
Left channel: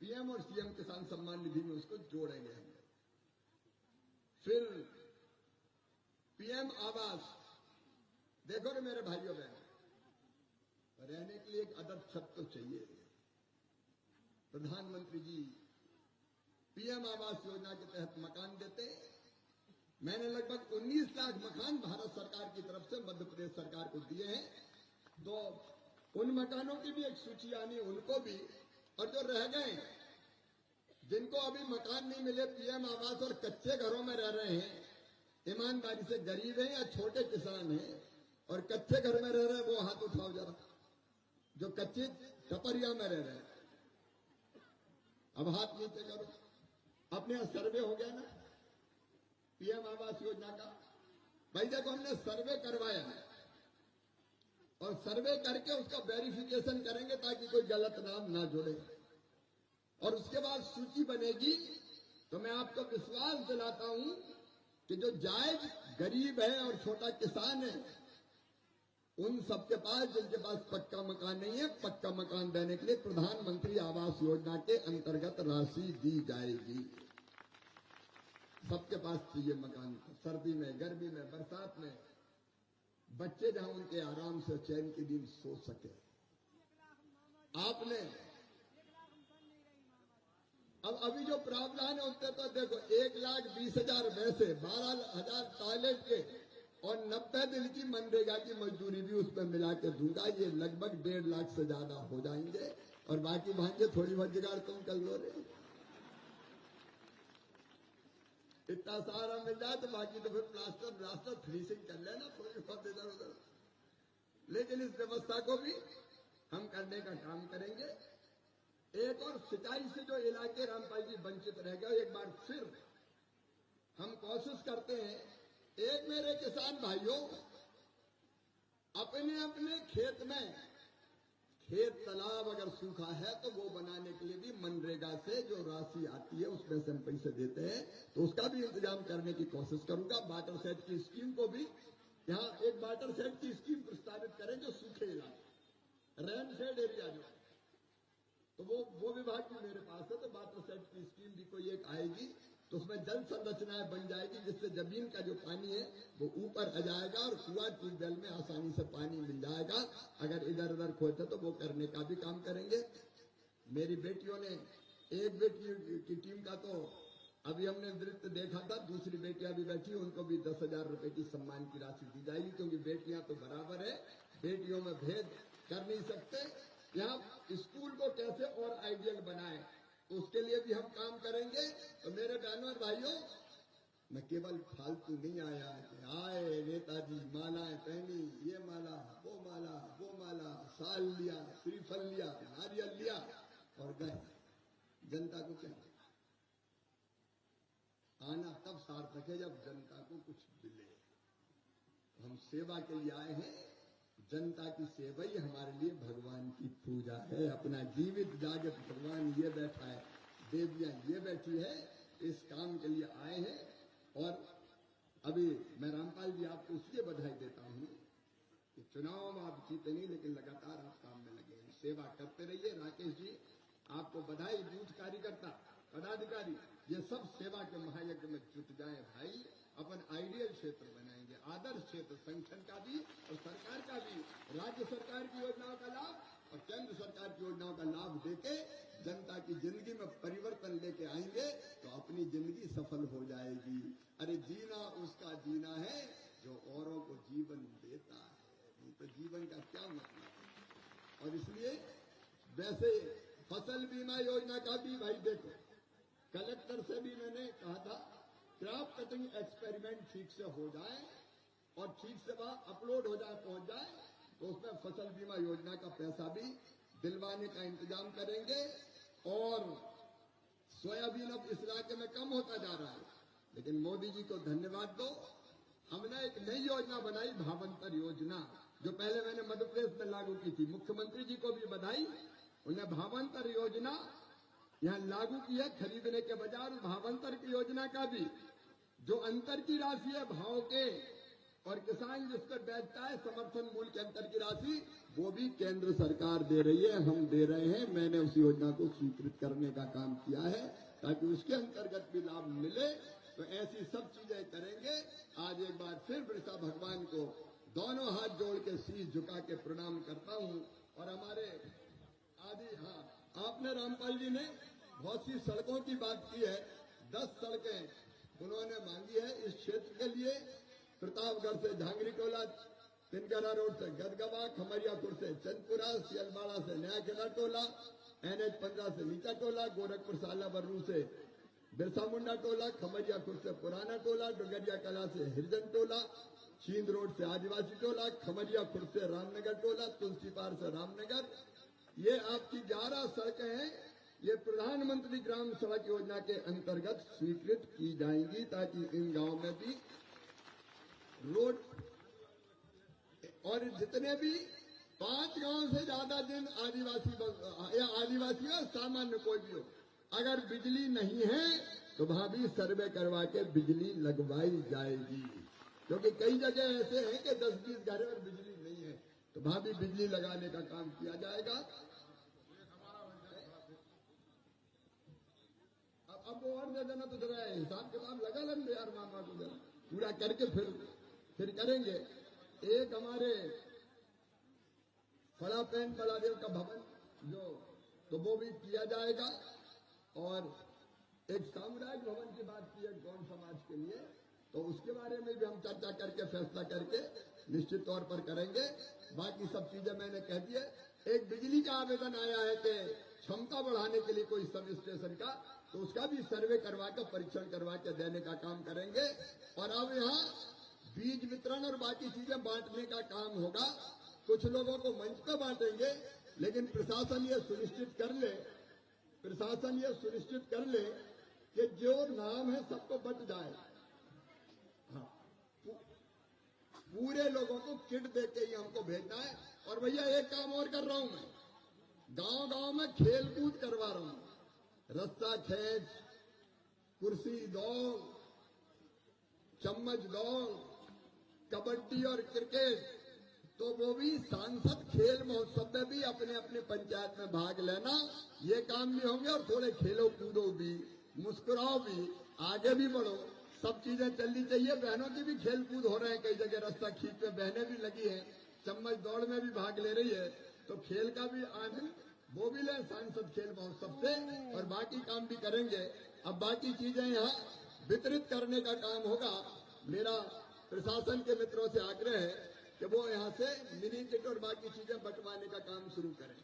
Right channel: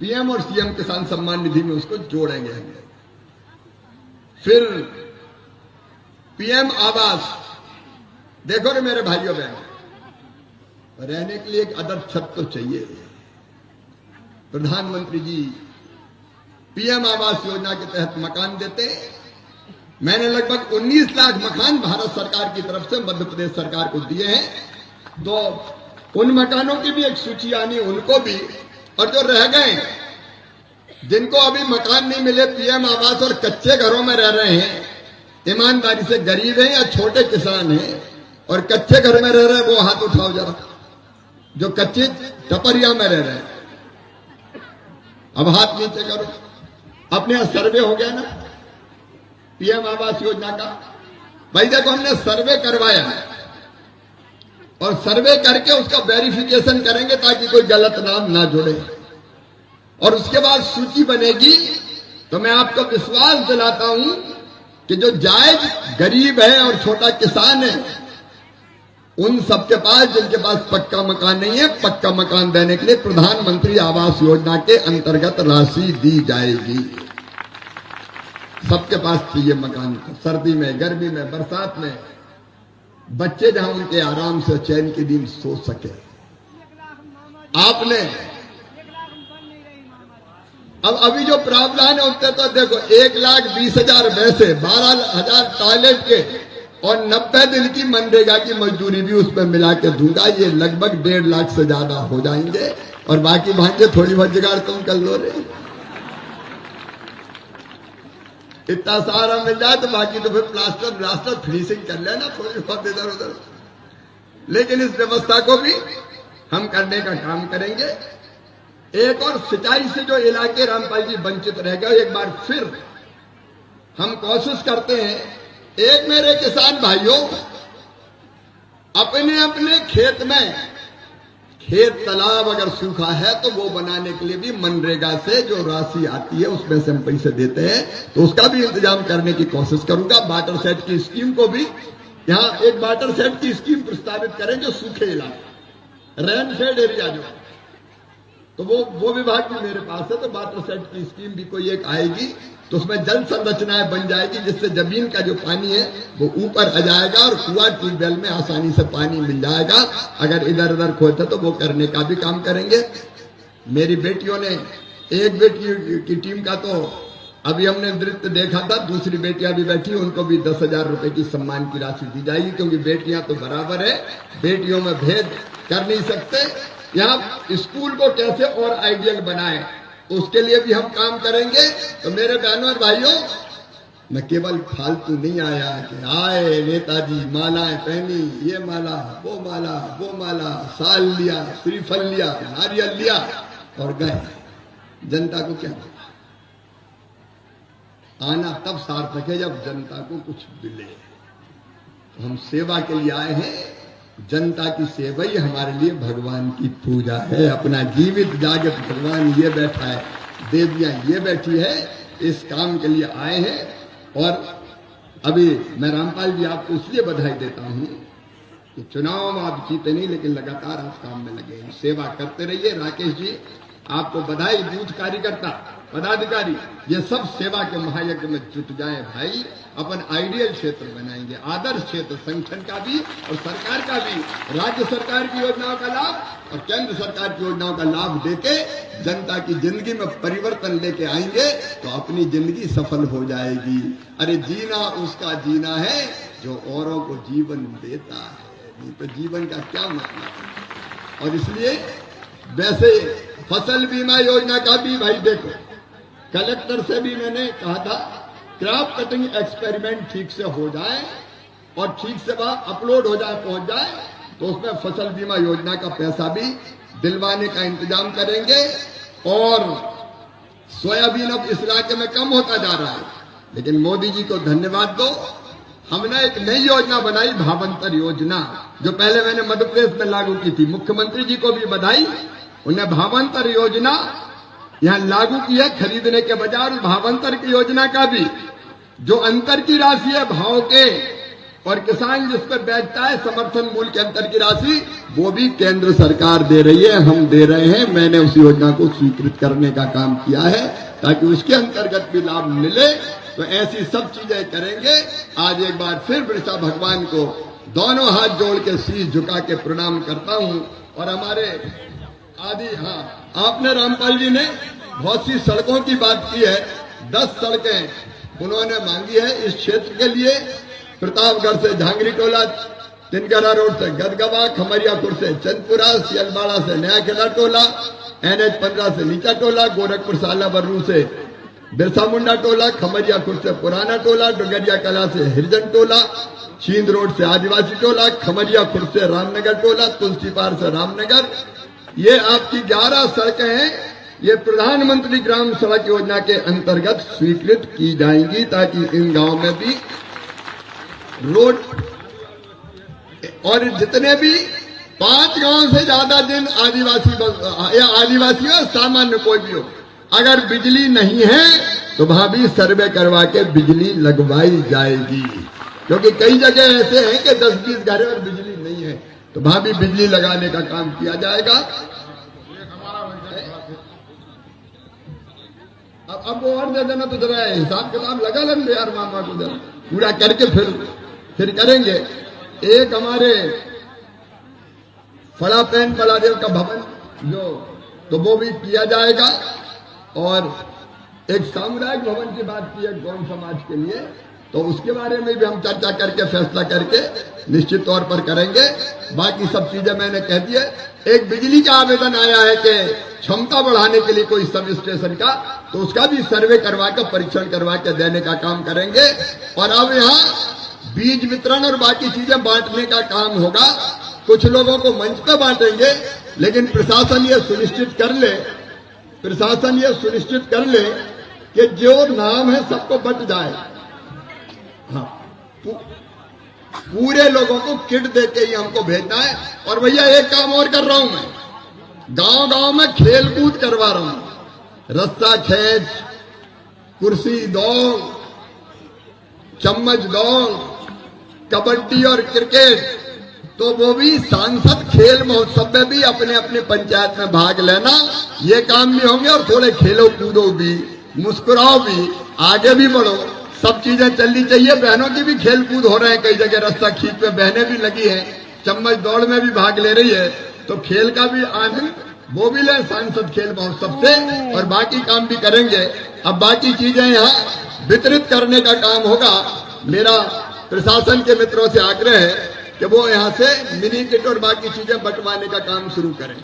पीएम और सीएम किसान सम्मान निधि में उसको जोड़ेंगे हम। फिर पीएम आवास, देखो रे मेरे भाइयों बहनों, रहने के लिए एक अदर छत तो चाहिए। प्रधानमंत्री जी पीएम आवास योजना के तहत मकान देते। मैंने लगभग 19 लाख मकान भारत सरकार की तरफ से मध्य प्रदेश सरकार को दिए हैं। तो उन मकानों की भी एक सूची आनी, उनको भी, और जो रह गए जिनको अभी मकान नहीं मिले पीएम आवास और कच्चे घरों में रह रहे हैं, ईमानदारी से गरीब हैं या छोटे किसान हैं और कच्चे घर में रह रहे हैं, वो हाथ उठाओ जरा, जो कच्चे टपरिया में रह रहे हैं। अब हाथ नीचे करो। अपने यहां सर्वे हो गया ना पीएम आवास योजना का। भाई देखो, हमने सर्वे करवाया और सर्वे करके उसका वेरिफिकेशन करेंगे ताकि कोई गलत नाम ना जुड़े, और उसके बाद सूची बनेगी। तो मैं आपको विश्वास दिलाता हूं कि जो जायज गरीब है और छोटा किसान है, उन सबके पास जिनके पास पक्का मकान नहीं है, पक्का मकान देने के लिए प्रधानमंत्री आवास योजना के अंतर्गत राशि दी जाएगी। सबके पास चाहिए मकान, सर्दी में, गर्मी में, बरसात में, बच्चे जहां उनके आराम से चैन के दिन सो सके। आपने अब अभी जो प्रावधान है उससे तो देखो 1,20,000 वैसे, 12,000 टॉयलेट के और 90 दिन की मनरेगा की मजदूरी भी उसमें मिला के दूंगा। ये लगभग 1.5 लाख से ज्यादा हो जाएंगे, और बाकी भांजे थोड़ी बहुत जुगाड़ तुम कर लो रे। इतना सारा मिल जाए तो बाकी तो फिर प्लास्टर फिनिशिंग कर लेना थोड़ी बहुत इधर उधर। लेकिन इस व्यवस्था को भी हम करने का काम करेंगे। एक और सिंचाई से जो इलाके रामपाल जी वंचित रह गए, एक बार फिर हम कोशिश करते हैं। एक मेरे किसान भाइयों, अपने अपने खेत में खेत तालाब अगर सूखा है तो वो बनाने के लिए भी मनरेगा से जो राशि आती है उसमें से हम पैसे देते हैं, तो उसका भी इंतजाम करने की कोशिश करूंगा। वाटर सेट की स्कीम को भी, यहाँ एक वाटर सेट की स्कीम प्रस्तावित करें जो सूखे इलाके, रेन फेड एरिया जो, तो वो विभाग भी मेरे पास है। तो वाटर सेट की स्कीम भी कोई एक आएगी, तो उसमें जल संरचनाएं बन जाएगी जिससे जमीन का जो पानी है वो ऊपर आ जाएगा और कुआं ट्यूबवेल में आसानी से पानी मिल जाएगा। अगर इधर उधर खोते तो वो करने का भी काम करेंगे। मेरी बेटियों ने, एक बेटी की टीम का तो अभी हमने नृत्य देखा था, दूसरी बेटियां भी बैठी, उनको भी 10,000 रुपए की सम्मान की राशि दी जाएगी, क्योंकि बेटियां तो बराबर है, बेटियों में भेद कर नहीं सकते। यहाँ स्कूल को कैसे और आइडियल बनाए उसके लिए भी हम काम करेंगे। तो मेरे बहनों और भाइयों, मैं केवल फालतू नहीं आया कि आए नेताजी मालाएं पहनी, ये माला, वो माला, वो माला, साल लिया, श्रीफल लिया, नारियल लिया और गए। जनता को क्या पता? आना तब सार्थक है जब जनता को कुछ मिले। तो हम सेवा के लिए आए हैं। जनता की सेवा ही हमारे लिए भगवान की पूजा है। अपना जीवित जागृत भगवान ये बैठा है, देवियां ये बैठी है, इस काम के लिए आए हैं। और अभी मैं रामपाल जी आपको इसलिए बधाई देता हूं कि चुनाव में आप जीते नहीं, लेकिन लगातार आप काम में लगे हैं, सेवा करते रहिए। राकेश जी आपको बधाई। बूथ कार्यकर्ता, पदाधिकारी, ये सब सेवा के महायज्ञ में जुट जाएं भाई। अपन आइडियल क्षेत्र बनाएंगे, आदर्श क्षेत्र, संगठन का भी और सरकार का भी, राज्य सरकार की योजनाओं का लाभ और केंद्र सरकार की योजनाओं का लाभ देके जनता की जिंदगी में परिवर्तन लेके आएंगे तो अपनी जिंदगी सफल हो जाएगी। अरे जीना उसका जीना है जो औरों को जीवन देता है, नहीं तो जीवन का क्या मतलब। और इसलिए वैसे फसल बीमा योजना का भी भाई देखो, कलेक्टर से भी मैंने कहा था क्रॉप कटिंग एक्सपेरिमेंट ठीक से हो जाए और ठीक से वह अपलोड हो जाए, पहुंच जाए, तो उसमें फसल बीमा योजना का पैसा भी दिलवाने का इंतजाम करेंगे। और सोयाबीन अब इस इलाके में कम होता जा रहा है, लेकिन मोदी जी को धन्यवाद दो, हमने एक नई योजना बनाई, भावांतर योजना, जो पहले मैंने मध्य प्रदेश में लागू की थी। मुख्यमंत्री जी को भी बधाई, उन्हें भावांतर योजना यहां लागू की है। खरीदने के बजाय भावांतर की योजना का भी जो अंतर की राशि है भाव के, और किसान जिस पर बेचता है समर्थन मूल्य के अंतर की राशि, वो भी केंद्र सरकार दे रही है, हम दे रहे हैं। मैंने उस योजना को स्वीकृत करने का काम किया है ताकि उसके अंतर्गत भी लाभ मिले। तो ऐसी सब चीजें करेंगे। आज एक बार फिर बिरसा भगवान को दोनों हाथ जोड़ के शीश झुका के प्रणाम करता हूं। और हमारे आपने रामपाल जी ने बहुत सी सड़कों की बात की है, 10 सड़कें उन्होंने मांगी है इस क्षेत्र के लिए। प्रतापगढ़ से झांगरी टोला, तिनकरा रोड से गदगवा, खमरियापुर से चंदपुरा, सियलवाड़ा से नया किला टोला, NH 15 से नीचा टोला, गोरखपुर से आलाबर्रू से बिरसा मुंडा टोला, खमरियापुर से पुराना टोला, डुंगरिया कला से हिरजन टोला, चींद रोड से आदिवासी टोला, खमरियापुर से रामनगर टोला, तुलसीपार से रामनगर। ये आपकी 11 सड़कें हैं, ये प्रधानमंत्री ग्राम सड़क योजना के अंतर्गत स्वीकृत की जाएंगी ताकि इन गांव में भी रोड, और जितने भी 5 गांव से ज्यादा जिन आदिवासी या आदिवासी हो सामान्य कोई भी हो, अगर बिजली नहीं है तो वहां भी सर्वे करवा के बिजली लगवाई जाएगी। क्योंकि कई जगह ऐसे हैं कि 10-20 घर और बिजली नहीं है, तो वहां भी बिजली लगाने का काम किया जाएगा। अब वो और दे देना तो जरा हिसाब किताब लगा लेंगे यार, मामा को जरा पूरा करके फिर करेंगे। एक हमारे फड़ा पैन बलादेव का भवन जो, तो वो भी किया जाएगा। और एक सामुदायिक भवन की बात की है गौड़ समाज के लिए, तो उसके बारे में भी हम चर्चा करके फैसला करके निश्चित तौर पर करेंगे। बाकी सब चीजें मैंने कह दी है। एक बिजली का आवेदन आया है कि क्षमता बढ़ाने के लिए कोई सब स्टेशन का, तो उसका भी सर्वे करवा के परीक्षण करवा के देने का काम करेंगे। और अब यहाँ बीज वितरण और बाकी चीजें बांटने का काम होगा। कुछ लोगों को मंच पे बांटेंगे, लेकिन प्रशासन ये सुनिश्चित कर ले कि जो नाम है सबको बट जाए। हाँ, पूरे लोगों को किट देके ही हमको भेजना है। और भैया एक काम और कर रहा हूं मैं, गांव-गांव में खेल कूद करवा रहा हूं, रस्सा खेच, कुर्सी दौड़, चम्मच दौड़, कबड्डी और क्रिकेट। तो वो भी सांसद खेल महोत्सव में भी अपने अपने पंचायत में भाग लेना, ये काम भी होंगे। और थोड़े खेलो कूदो भी, मुस्कुराओ भी, आगे भी बढ़ो, सब चीजें चलनी चाहिए। बहनों की भी खेल कूद हो रहे हैं, कई जगह रस्सा खींच पे बहनें भी लगी हैं, चम्मच दौड़ में भी भाग ले रही है। तो खेल का भी आनंद वो भी ले सांसद खेल महोत्सव से, और बाकी काम भी करेंगे। अब बाकी चीजें यहाँ वितरित करने का काम होगा। मेरा प्रशासन के मित्रों से आग्रह है कि वो यहाँ से मिनी किट और बाकी चीजें बंटवाने का काम शुरू करें।